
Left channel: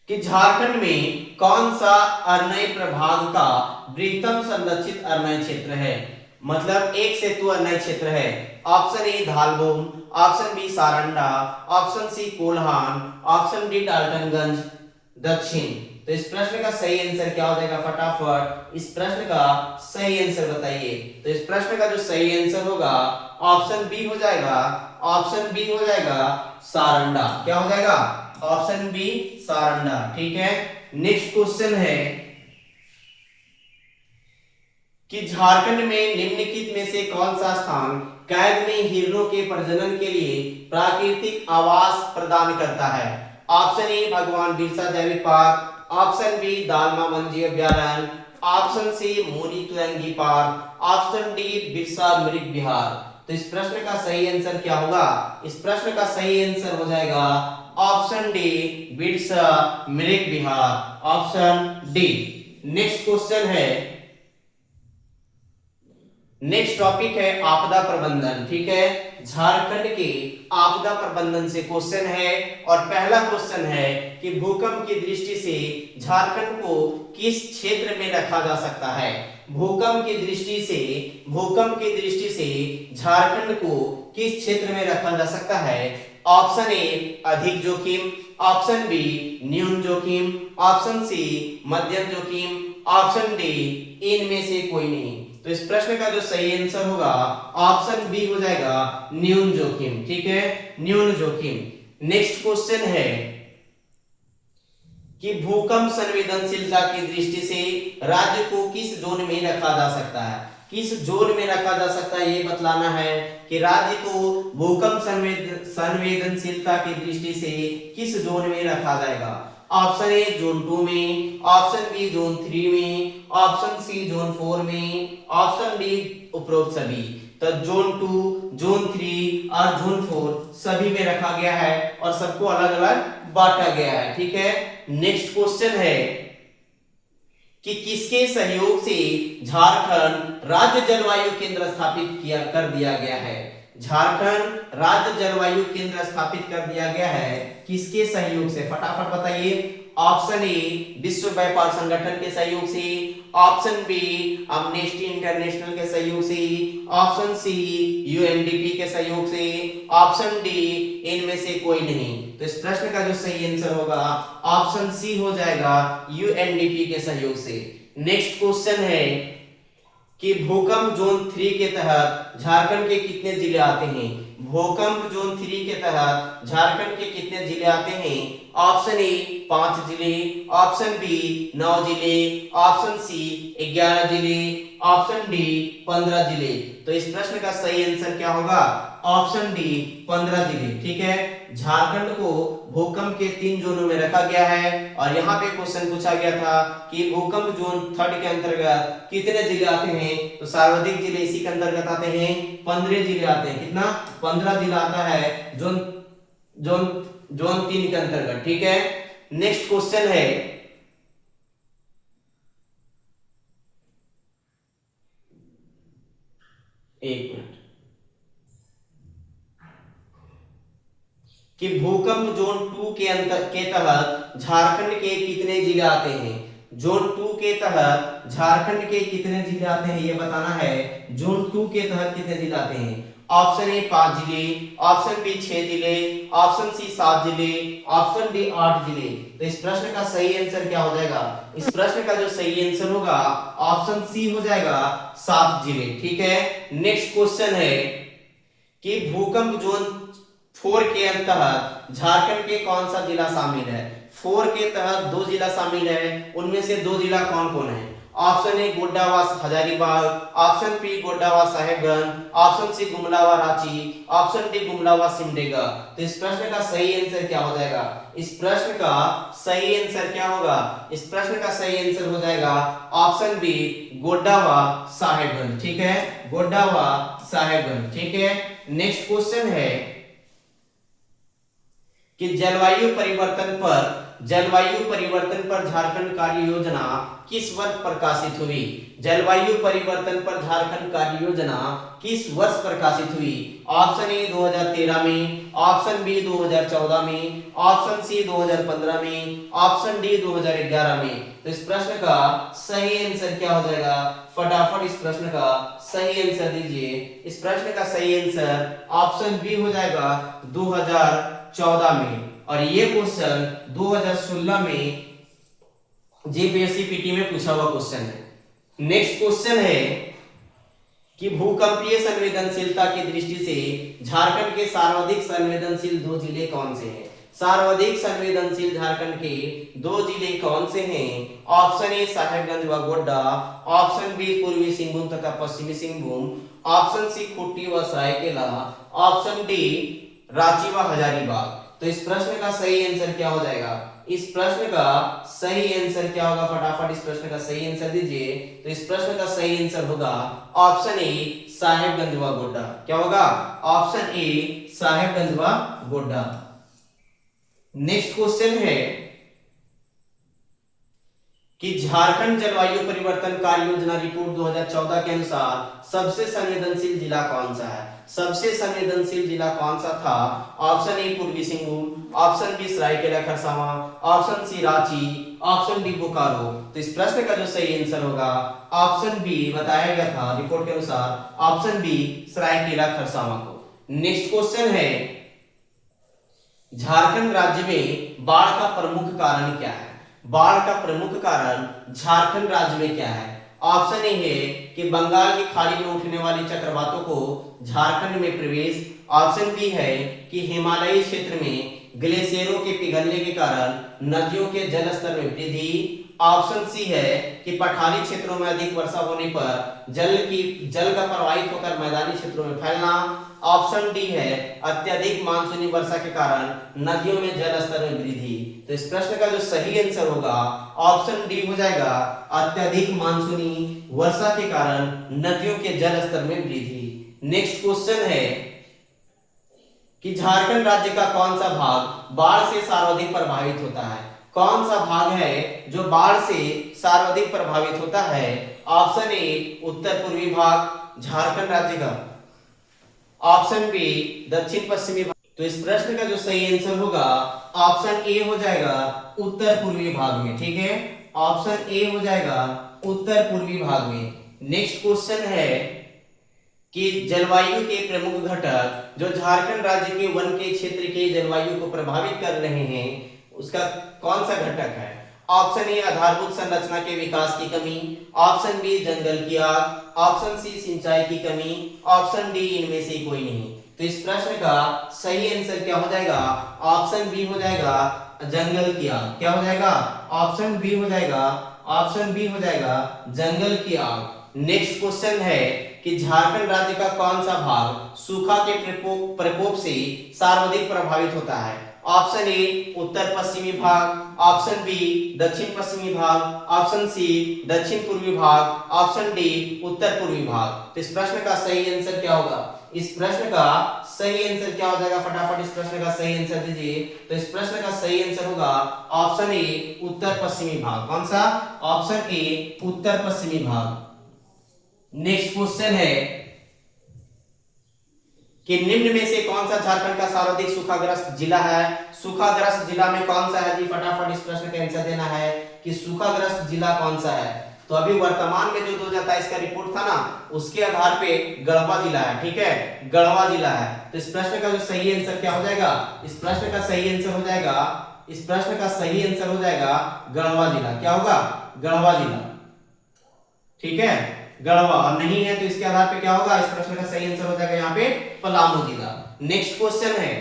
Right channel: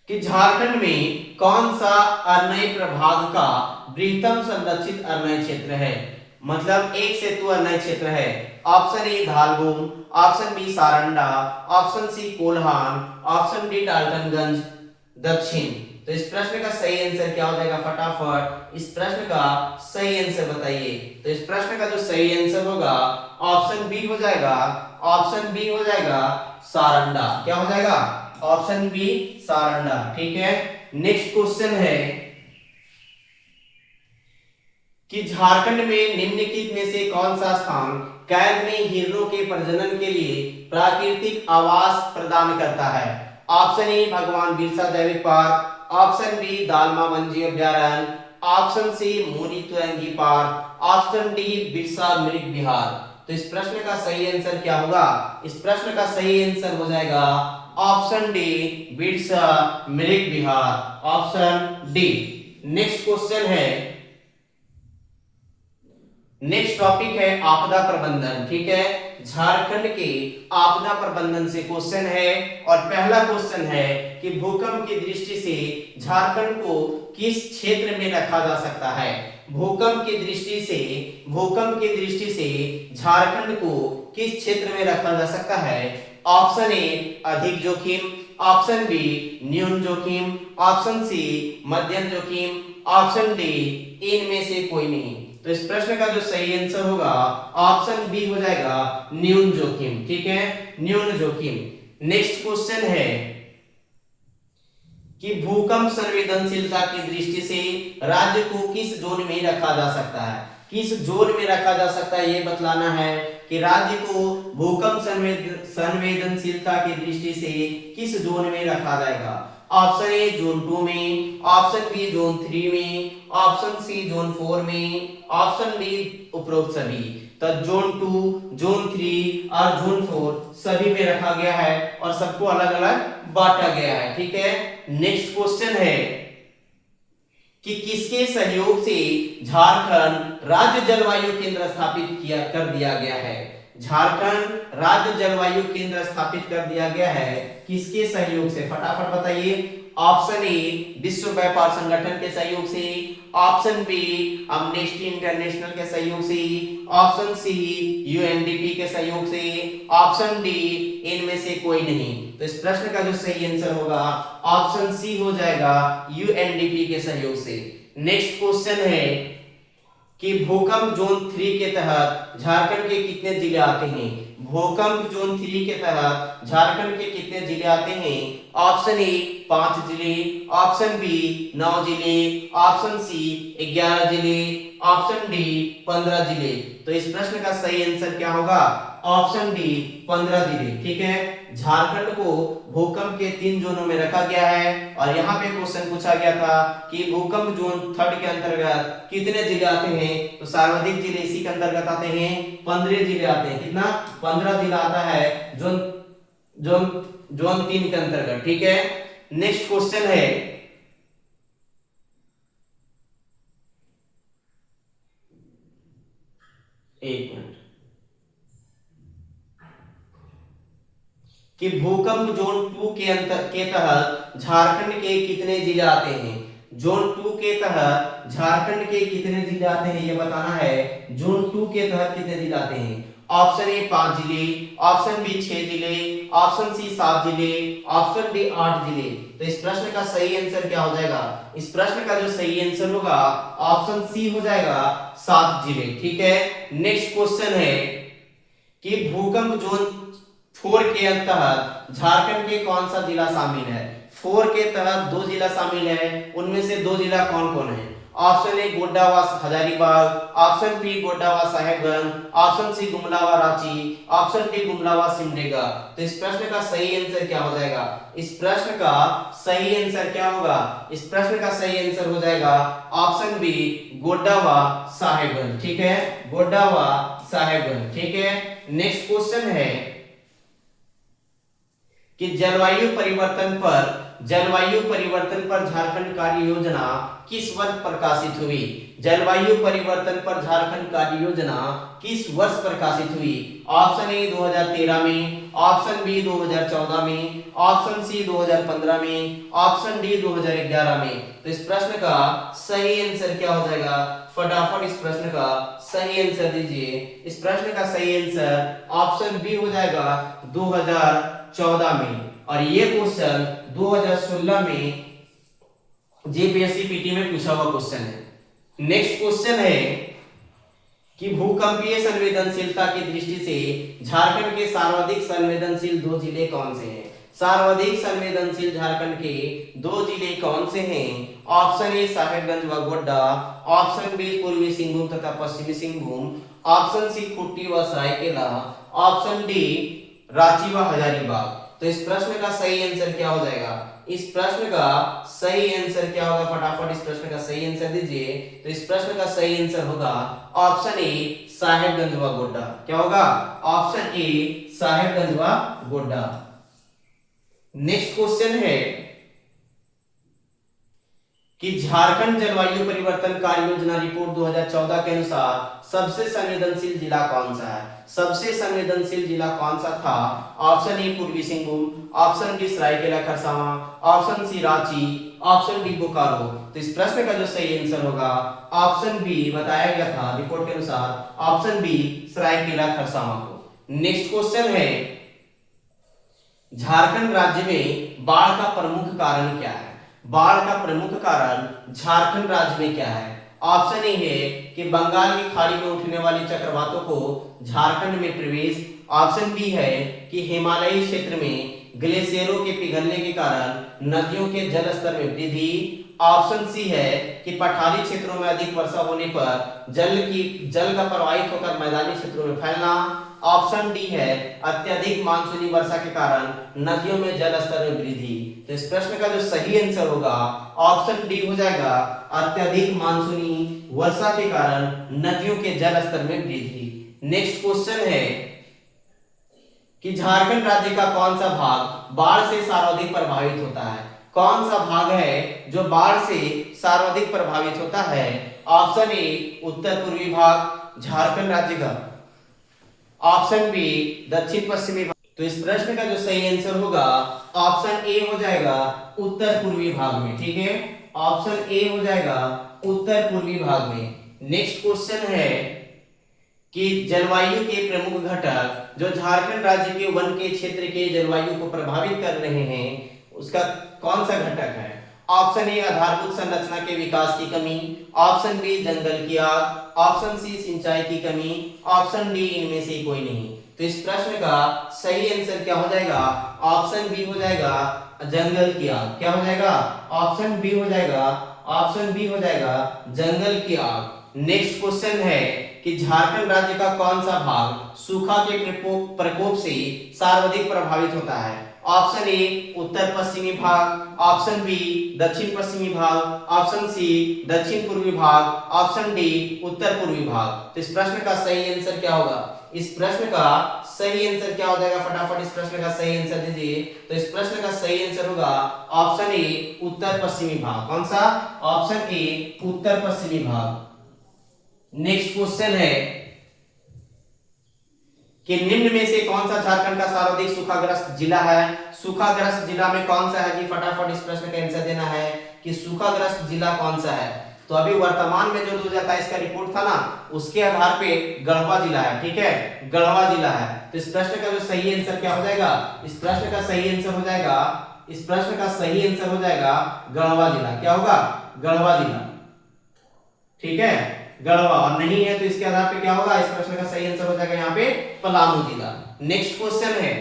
कि झारखंड में कौन सा अरण्य प्रभाग का बृहत्तम संरक्षित अरण्य क्षेत्र है, मतलब एक सेतु अरण्य क्षेत्र है। Option A Dhalbhum, option B Saranda, option C Kolhan, option D Daltonganj दक्षिण। तो इस प्रश्न का सही आंसर क्या हो जाएगा, फटाफट इस प्रश्न का सही आंसर बताइए। तो इस प्रश्न का जो सही आंसर होगा ऑप्शन बी हो जाएगा, ऑप्शन बी हो जाएगा सारंडा। क्या हो जाएगा, ऑप्शन बी सारंडा, ठीक है। नेक्स्ट क्वेश्चन है कि झारखंड में निम्नलिखित में से कौन सा स्थान कैद में हिरणों के प्रजनन के लिए प्राकृतिक आवास प्रदान करता है। ऑप्शन ए भगवान बिरसा जैविक पार्क, ऑप्शन बी दालमा वन्यजीव अभयारण्य, ऑप्शन सी मोरी तुरंगी पार्क, ऑप्शन डी बिरसा मृग विहार। तो इस प्रश्न का सही आंसर क्या होगा, इस प्रश्न का सही आंसर हो जाएगा ऑप्शन डी बिरसा मृग विहार, ऑप्शन डी। नेक्स्ट क्वेश्चन है, नेक्स्ट टॉपिक है आपदा प्रबंधन, ठीक है। झारखंड के आपदा प्रबंधन से क्वेश्चन है और पहला क्वेश्चन है कि भूकंप की दृष्टि से झारखंड को किस क्षेत्र में रखा जा सकता है। भूकंप की दृष्टि से झारखंड को किस क्षेत्र में रखा जा सकता है। ऑप्शन ए अधिक जोखिम, ऑप्शन बी न्यून जोखिम, ऑप्शन सी मध्यम जोखिम, ऑप्शन डी इनमें से कोई नहीं। तो इस प्रश्न का जो सही आंसर होगा ऑप्शन बी हो जाएगा न्यून जोखिम, ठीक है, न्यून जोखिम। नेक्स्ट क्वेश्चन है कि भूकंप संवेदनशीलता की दृष्टि से राज्य को किस जोन में रखा जा सकता है। किस जोन में रखा जा सकता है ये बतलाना है कि राज्य को भूकंप संवेदनशीलता की दृष्टि से किस जोन में रखा जाएगा। ऑप्शन ए जोन 2 में, ऑप्शन बी जोन 3 में, ऑप्शन सी जोन 4 में, ऑप्शन डी उपरोक्त सभी। तो जोन 2, जोन 3 और जोन 4 सभी में रखा गया है और सबको अलग अलग बांटा गया है, ठीक है। नेक्स्ट क्वेश्चन है कि किसके सहयोग से झारखंड राज्य जलवायु केंद्र स्थापित कर दिया गया है। झारखंड राज्य जलवायु केंद्र स्थापित कर दिया गया है किसके सहयोग से, फटाफट बताइए। ऑप्शन ए विश्व व्यापार संगठन के सहयोग से, ऑप्शन बी अमनेस्टी इंटरनेशनल के सहयोग से, ऑप्शन सी यूएनडीपी के सहयोग से, ऑप्शन डी इनमें से कोई नहीं। तो इस प्रश्न का जो सही आंसर होगा ऑप्शन सी हो जाएगा यूएनडीपी के सहयोग से। नेक्स्ट क्वेश्चन है कि भूकंप जोन 3 के तहत झारखंड के कितने जिले आते हैं। भूकंप जोन 3 के तहत झारखंड के कितने जिले आते हैं? ऑप्शन ए 5 जिले, ऑप्शन बी 9 जिले, ऑप्शन सी 11 जिले, ऑप्शन डी 15 जिले। तो इस प्रश्न का सही आंसर क्या होगा? ऑप्शन डी 15 जिले। ठीक है, झारखंड को भूकंप के 3 जोनों में रखा गया है और यहाँ पे क्वेश्चन पूछा गया था कि भूकंप जोन 3 के अंतर्गत कितने जिले आते हैं? तो सर्वाधिक जिले इसी के अंतर्गत आते हैं, 15 जिले आते हैं। कितना? 15 जिला आता है जोन जोन जोन 3 के अंतर्गत। ठीक है, नेक्स्ट क्वेश्चन है एक मिनट कि भूकंप जोन 2 के तहत झारखंड के कितने जिले आते हैं? जोन 2 के तहत झारखंड के कितने जिले आते हैं ये बताना है। जोन 2 के तहत कितने जिले आते हैं? ऑप्शन ए 5 जिले, ऑप्शन बी 6 जिले, ऑप्शन सी 7 जिले, ऑप्शन डी 8 जिले। तो इस प्रश्न का सही आंसर क्या हो जाएगा? इस प्रश्न का जो सही आंसर होगा ऑप्शन सी हो जाएगा, 7 जिले। ठीक है, नेक्स्ट क्वेश्चन है कि भूकंप जोन 4 के तहत झारखंड के कौन सा जिला शामिल है? 4 के तहत 2 जिला शामिल है, उनमें से 2 जिला कौन कौन है? ऑप्शन ए गोड्डा व हजारीबाग, ऑप्शन बी गोड्डा व साहेबगंज, ऑप्शन सी गुमला व रांची, ऑप्शन डी गुमला व सिमडेगा। तो इस प्रश्न का सही आंसर क्या हो जाएगा? इस प्रश्न का सही आंसर क्या होगा? इस प्रश्न का सही आंसर हो जाएगा ऑप्शन बी गोड्डा व साहेबगंज। ठीक है, गोड्डा व साहेबगंज। ठीक है, नेक्स्ट क्वेश्चन है कि जलवायु परिवर्तन पर झारखंड कार्य योजना किस वर्ष प्रकाशित हुई? जलवायु परिवर्तन पर झारखंड कार्य योजना किस वर्ष प्रकाशित हुई? ऑप्शन ए 2013 में, ऑप्शन बी 2014 में, ऑप्शन सी 2015 में, ऑप्शन डी 2011 में। तो इस प्रश्न का सही आंसर क्या हो जाएगा? फटाफट इस प्रश्न का सही आंसर दीजिए। इस प्रश्न का सही आंसर ऑप्शन बी हो जाएगा 2014 में। और ये क्वेश्चन 2016 में जेपीएससी पीटी में पूछा हुआ क्वेश्चन है। नेक्स्ट क्वेश्चन है कि भूकंपीय संवेदनशीलता की दृष्टि से झारखंड के सर्वाधिक संवेदनशील 2 जिले कौन से हैं? सर्वाधिक संवेदनशील झारखंड के 2 जिले कौन से हैं? ऑप्शन ए साहेबगंज व गोड्डा, ऑप्शन बी पूर्वी सिंहभूम तथा पश्चिमी सिंहभूम, ऑप्शन सी खूंटी व सरायकेला, ऑप्शन डी रांची व हजारीबाग। तो इस प्रश्न का सही आंसर क्या हो जाएगा? इस प्रश्न का सही आंसर क्या होगा? फटाफट इस प्रश्न का सही आंसर दीजिए। तो इस प्रश्न का सही आंसर होगा ऑप्शन ए साहेबगंज व गोड्डा। क्या होगा? ऑप्शन ए साहेबगंज व गोड्डा। नेक्स्ट क्वेश्चन है कि झारखंड जलवायु परिवर्तन कार्य योजना रिपोर्ट 2014 के अनुसार सबसे संवेदनशील जिला कौन सा है? सबसे संवेदनशील जिला कौन सा था? Option A Purbi Singhbhum, option B Seraikela Kharsawan, option C Ranchi, option D Bokaro. तो इस प्रश्न का जो सही आंसर होगा ऑप्शन बी बताया गया था रिपोर्ट के अनुसार, ऑप्शन बी सरायकेला खरसावां को। नेक्स्ट क्वेश्चन है झारखंड राज्य में बाढ़ का प्रमुख कारण क्या है? बाढ़ का प्रमुख कारण झारखंड राज्य में क्या है? ऑप्शन ए है कि बंगाल की खाड़ी में उठने वाली चक्रवातों को झारखंड में प्रवेश, ऑप्शन बी है कि हिमालयी क्षेत्र में ग्लेशियरों के पिघलने के कारण नदियों के जल स्तर में वृद्धि, ऑप्शन सी है कि पठारी क्षेत्रों में अधिक वर्षा होने पर जल का प्रवाहित होकर मैदानी क्षेत्रों में फैलना, ऑप्शन डी है अत्यधिक मानसूनी वर्षा के कारण नदियों में जल स्तर में वृद्धि। तो इस प्रश्न का जो सही आंसर होगा ऑप्शन डी हो जाएगा अत्यधिक मानसूनी वर्षा के कारण नदियों के जल स्तर में वृद्धि। नेक्स्ट क्वेश्चन है कि झारखंड राज्य का कौन सा भाग बाढ़ से सर्वाधिक प्रभावित होता है? कौन सा भाग है जो बाढ़ से सर्वाधिक प्रभावित होता है? ऑप्शन ए उत्तर पूर्वी भाग झारखंड राज्य का, ऑप्शन बी दक्षिण पश्चिमी भाग। तो इस प्रश्न का जो सही आंसर होगा ऑप्शन ए हो जाएगा उत्तर पूर्वी भाग में। ठीक है, ऑप्शन ए हो जाएगा उत्तर पूर्वी भाग में। नेक्स्ट क्वेश्चन है कि जलवायु के प्रमुख घटक जो झारखंड राज्य के वन के क्षेत्र के जलवायु को प्रभावित कर रहे हैं उसका कौन सा घटक है? ऑप्शन ए आधारभूत संरचना के विकास की कमी, ऑप्शन बी जंगल की आग, ऑप्शन सी सिंचाई की कमी, ऑप्शन डी इनमें से कोई नहीं। तो इस प्रश्न का सही आंसर क्या हो जाएगा? ऑप्शन बी हो जाएगा, जंगल की आग। क्या हो जाएगा? ऑप्शन बी हो जाएगा, ऑप्शन बी हो जाएगा, जंगल की आग। नेक्स्ट क्वेश्चन है कि झारखंड राज्य का कौन सा भाग सूखा के प्रकोप से सर्वाधिक प्रभावित होता है? ऑप्शन ए उत्तर पश्चिमी भाग, ऑप्शन बी दक्षिण पश्चिमी भाग, ऑप्शन सी दक्षिण पूर्वी भाग, ऑप्शन डी उत्तर पूर्वी भाग। तो इस प्रश्न का सही आंसर क्या होगा? इस प्रश्न का सही आंसर क्या हो जाएगा? फटाफट इस प्रश्न का सही आंसर दीजिए। तो इस प्रश्न का सही आंसर होगा ऑप्शन ए उत्तर पश्चिमी भाग। कौन सा? ऑप्शन ए उत्तर पश्चिमी भाग। नेक्स्ट क्वेश्चन है कि निम्न में से कौन सा झारखंड का सर्वाधिक सूखाग्रस्त जिला है? सूखाग्रस्त जिला में कौन सा है जी? फटाफट इस प्रश्न का आंसर देना है कि सूखाग्रस्त जिला कौन सा है। तो अभी वर्तमान में जो 2023 का रिपोर्ट था ना, उसके आधार पे गढ़वा जिला है। ठीक है, गढ़वा जिला है। तो इस प्रश्न का जो सही आंसर क्या हो जाएगा? इस प्रश्न का सही आंसर हो जाएगा, इस प्रश्न का सही आंसर हो जाएगा गढ़वा जिला। क्या होगा? गढ़वा जिला। ठीक है, गढ़वा। और नहीं है तो इसके आधार पे क्या होगा? इस प्रश्न का सही आंसर हो जाएगा यहाँ पे पलामू जिला। नेक्स्ट क्वेश्चन है,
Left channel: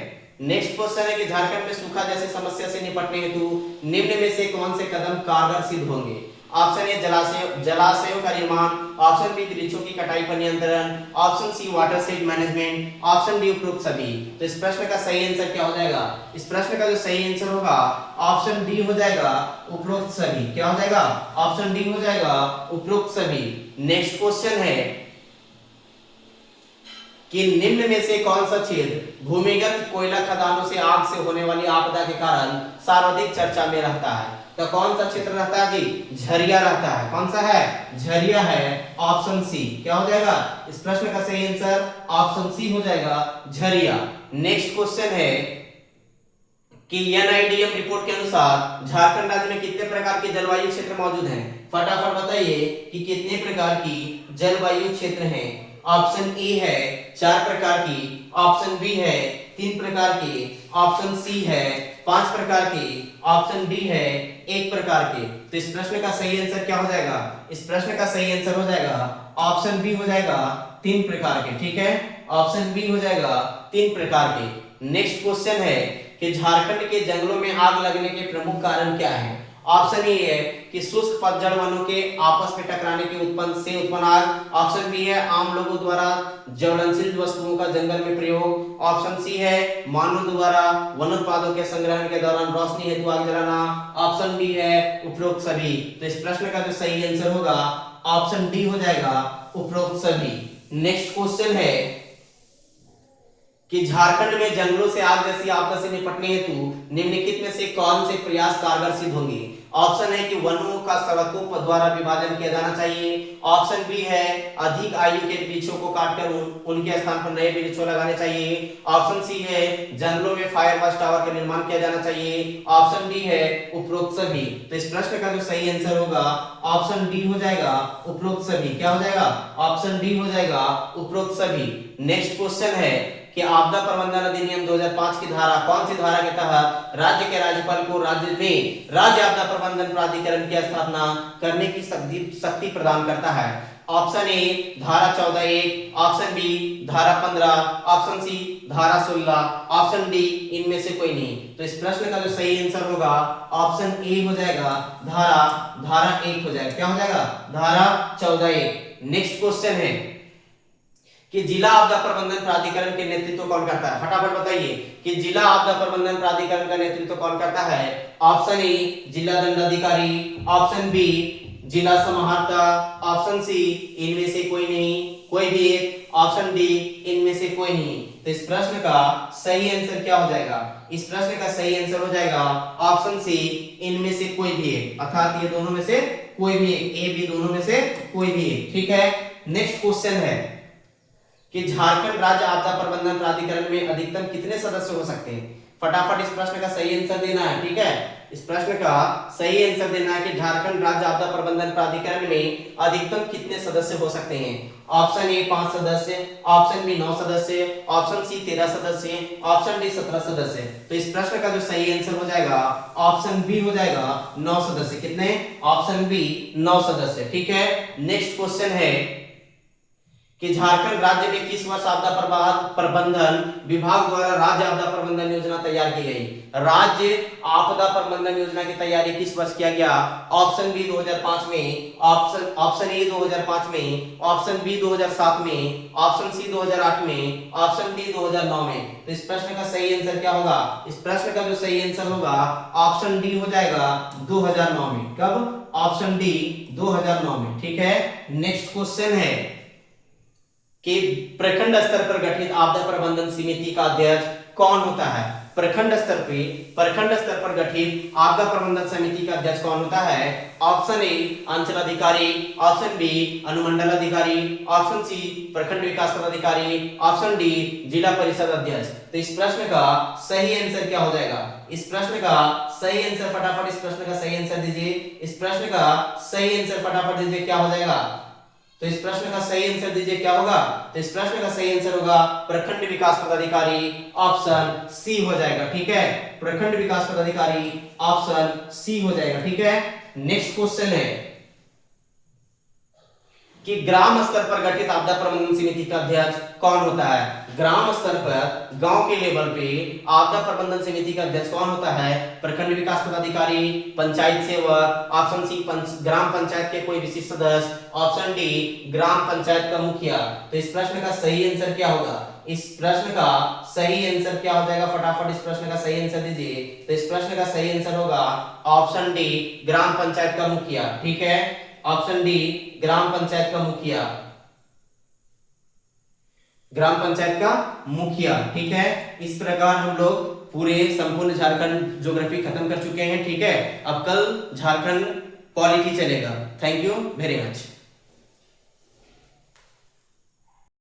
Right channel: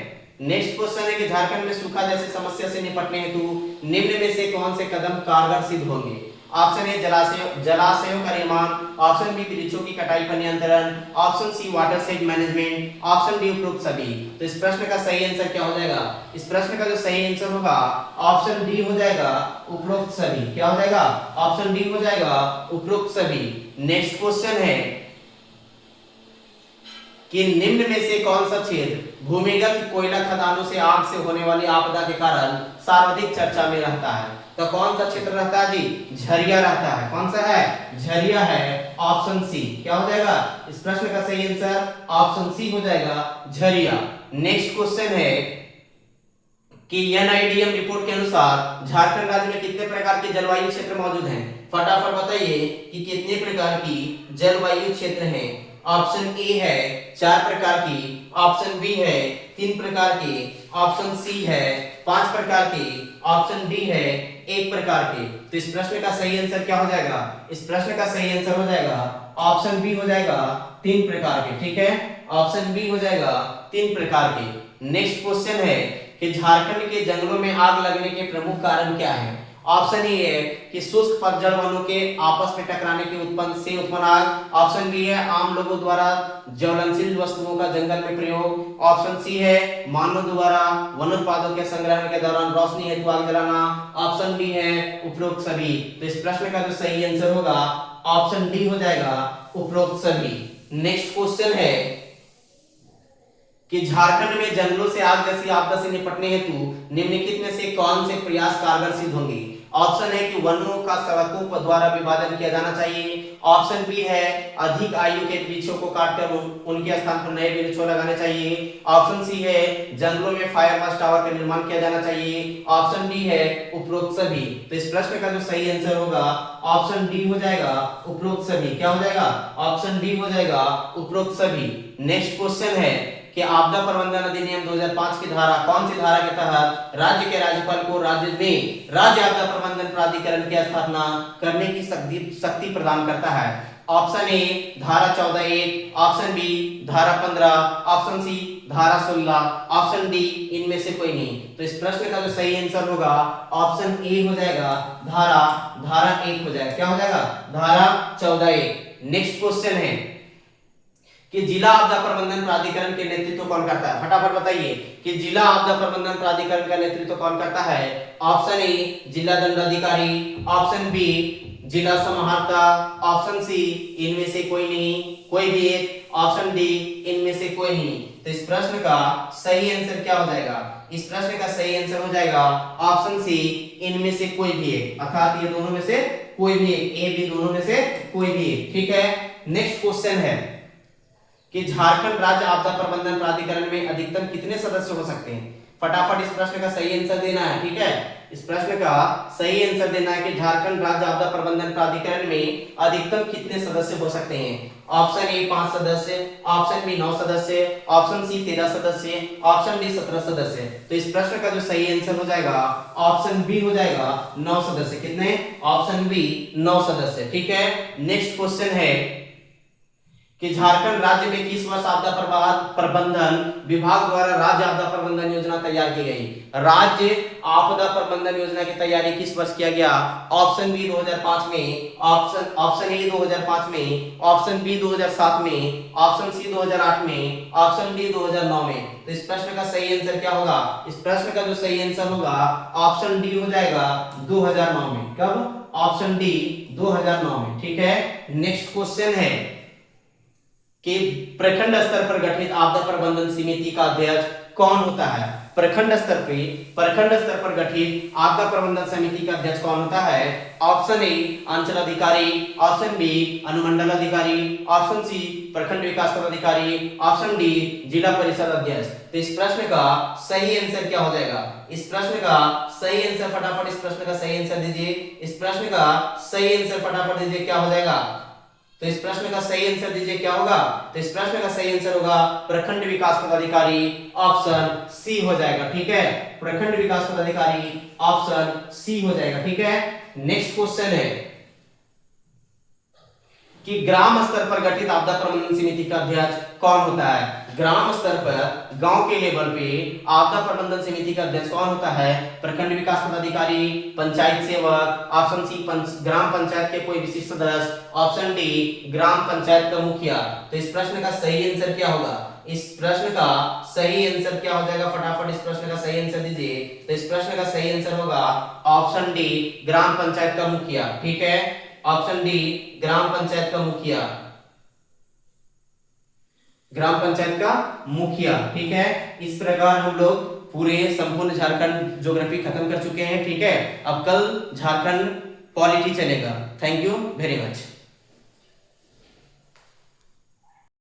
नेक्स्ट क्वेश्चन है कि झारखंड में सूखा जैसे समस्या से निपटने हेतु निम्न में से कौन से कदम कारगर सिद्ध होंगे? ऑप्शन ए जलाशयों का निर्माण, ऑप्शन बी वृक्षों की कटाई पर नियंत्रण, option C watershed management, option D उपरोक्त सभी। तो इस प्रश्न का सही आंसर क्या हो जाएगा? इस प्रश्न का जो सही आंसर होगा ऑप्शन डी हो जाएगा, उपरोक्त सभी। क्या हो जाएगा? ऑप्शन डी हो जाएगा, उपरोक्त सभी। नेक्स्ट क्वेश्चन है कि निम्न में से कौन सा क्षेत्र भूमिगत कोयला खदानों से आग से होने वाली आपदा के कारण सर्वाधिक चर्चा में रहता है? तो कौन सा क्षेत्र रहता है जी? झरिया रहता है। कौन सा है? झरिया है, ऑप्शन सी। क्या हो जाएगा? इस प्रश्न का सही आंसर ऑप्शन सी हो जाएगा, झरिया। नेक्स्ट क्वेश्चन है कि एनआईडीएम रिपोर्ट के अनुसार झारखंड राज्य में कितने प्रकार के जलवायु क्षेत्र मौजूद हैं? फटाफट बताइए कि कितने प्रकार की जलवायु क्षेत्र हैं। ऑप्शन ए है 4 प्रकार की, ऑप्शन बी है 3 प्रकार की, ऑप्शन सी है 5 प्रकार की, ऑप्शन बी है 1 प्रकार के। तो इस प्रश्न का सही आंसर क्या हो जाएगा? इस प्रश्न का सही आंसर हो जाएगा ऑप्शन बी हो जाएगा 3 प्रकार के। ठीक है, ऑप्शन बी हो जाएगा 3 प्रकार के। नेक्स्ट क्वेश्चन है कि झारखंड के जंगलों में आग लगने के प्रमुख कारण क्या है? ऑप्शन ए है कि शुष्क पतझड़ वनों के आपस में टकराने के उत्पन्न आग, ऑप्शन बी है आम लोगों द्वारा ज्वलनशील वस्तुओं का जंगल में प्रयोग, ऑप्शन सी है मानव द्वारा वनोत्पादों के संग्रहण के दौरान रोशनी हेतु आग जलाना, ऑप्शन डी है उपरोक्त सभी। तो इस प्रश्न का जो सही आंसर होगा ऑप्शन डी हो जाएगा, उपरोक्त सभी। नेक्स्ट क्वेश्चन है कि झारखंड में जंगलों से आग जैसी आपदा से निपटने हेतु निम्नलिखित में से कौन से प्रयास कारगर सिद्ध होंगे? ऑप्शन है कि वनों का सड़कों द्वारा विभाजन किया जाना चाहिए, ऑप्शन बी है अधिक आयु के वृक्षों को काटकर उनके स्थान पर नए वृक्षों लगाने चाहिए, ऑप्शन सी है जंगलों में फायर मास टावर का निर्माण किया जाना चाहिए, ऑप्शन डी है उपरोक्त सभी। तो इस प्रश्न का जो सही आंसर होगा ऑप्शन डी हो जाएगा, उपरोक्त सभी। क्या हो जाएगा? ऑप्शन डी हो जाएगा, उपरोक्त सभी। नेक्स्ट क्वेश्चन है कि आपदा प्रबंधन अधिनियम 2005 की धारा कौन सी धारा के तहत राज्य के राज्यपाल को राज्य में राज्य आपदा प्रबंधन प्राधिकरण की स्थापना करने की शक्ति प्रदान करता है? ऑप्शन ए धारा 14(1), ऑप्शन बी धारा 15, ऑप्शन सी धारा 16, ऑप्शन डी इनमें से कोई नहीं। तो इस प्रश्न का जो सही आंसर होगा ऑप्शन ए हो जाएगा, धारा 1 हो जाएगा। क्या हो जाएगा? धारा 14(1). नेक्स्ट क्वेश्चन है कि जिला आपदा प्रबंधन प्राधिकरण के नेतृत्व कौन करता है? फटाफट बताइए कि जिला आपदा प्रबंधन प्राधिकरण का नेतृत्व कौन करता है? ऑप्शन ए जिला दंडाधिकारी, ऑप्शन बी जिला समाहर्ता, ऑप्शन सी इनमें से कोई नहीं, कोई भी एक, ऑप्शन डी इनमें से कोई नहीं। तो इस प्रश्न का सही आंसर क्या हो जाएगा? इस प्रश्न का सही आंसर हो जाएगा ऑप्शन सी इनमें से कोई भी एक, अर्थात ये दोनों में से कोई भी एक, ए बी दोनों में से कोई भी एक। ठीक है, नेक्स्ट क्वेश्चन है कि झारखंड राज्य आपदा प्रबंधन प्राधिकरण में अधिकतम कितने सदस्य हो सकते हैं? फटाफट इस प्रश्न का सही आंसर देना है। ठीक है, इस प्रश्न का सही आंसर देना है कि झारखंड राज्य आपदा प्रबंधन प्राधिकरण में अधिकतम कितने सदस्य हो सकते हैं? ऑप्शन ए 5 सदस्य, ऑप्शन बी 9 सदस्य, ऑप्शन सी 13 सदस्य, ऑप्शन डी 17 सदस्य। तो इस प्रश्न का जो सही आंसर हो जाएगा ऑप्शन बी हो जाएगा, 9 सदस्य। कितने? ऑप्शन बी 9 सदस्य। ठीक है, नेक्स्ट क्वेश्चन है कि झारखंड राज्य में किस वर्ष आपदा प्रबंधन विभाग द्वारा राज्य आपदा प्रबंधन योजना तैयार की गई। राज्य आपदा प्रबंधन योजना की तैयारी किस वर्ष किया गया? ऑप्शन बी 2005 में, ऑप्शन ए 2005 में, ऑप्शन बी 2007 में, ऑप्शन सी 2008 में, ऑप्शन डी 2009 में। तो इस प्रश्न का सही आंसर क्या होगा? इस प्रश्न का जो सही आंसर होगा ऑप्शन डी हो जाएगा 2009 में। कब? ऑप्शन डी 2009 में। ठीक है, नेक्स्ट क्वेश्चन है कि प्रखंड स्तर पर गठित आपदा प्रबंधन समिति का अध्यक्ष कौन होता है? प्रखंड स्तर पर गठित आपदा प्रबंधन समिति का अध्यक्ष कौन होता है? ऑप्शन ए अंचल अधिकारी, ऑप्शन बी अनुमंडल अधिकारी, ऑप्शन सी प्रखंड विकास पदाधिकारी, ऑप्शन डी जिला परिषद अध्यक्ष। तो इस प्रश्न का सही आंसर क्या हो जाएगा? इस प्रश्न का सही आंसर फटाफट इस प्रश्न का सही आंसर दीजिए। इस प्रश्न का सही आंसर फटाफट दीजिए, क्या हो जाएगा? तो इस प्रश्न का सही आंसर दीजिए, क्या होगा? तो इस प्रश्न का सही आंसर होगा प्रखंड विकास पदाधिकारी, ऑप्शन सी हो जाएगा। ठीक है, प्रखंड विकास पदाधिकारी ऑप्शन सी हो जाएगा। ठीक है, नेक्स्ट क्वेश्चन है कि ग्राम स्तर पर गठित आपदा प्रबंधन समिति का अध्यक्ष कौन होता है? ग्राम स्तर पर, गांव के लेवल पे आपदा प्रबंधन समिति का अध्यक्ष कौन होता है? प्रखंड विकास पदाधिकारी, पंचायत सेवक, ऑप्शन सी ग्राम पंचायत के कोई विशिष्ट सदस्य, ऑप्शन डी ग्राम पंचायत का मुखिया। तो इस प्रश्न का सही आंसर क्या होगा? इस प्रश्न का सही आंसर क्या हो जाएगा? फटाफट इस प्रश्न का सही आंसर दीजिए। तो इस प्रश्न का सही आंसर होगा ऑप्शन डी ग्राम पंचायत का मुखिया। ठीक है, ऑप्शन डी ग्राम पंचायत का मुखिया, ग्राम पंचायत का मुखिया। ठीक है, इस प्रकार हम लोग पूरे संपूर्ण झारखंड ज्योग्राफी खत्म कर चुके हैं। ठीक है, अब कल झारखंड पॉलिटी चलेगा। Thank you very much.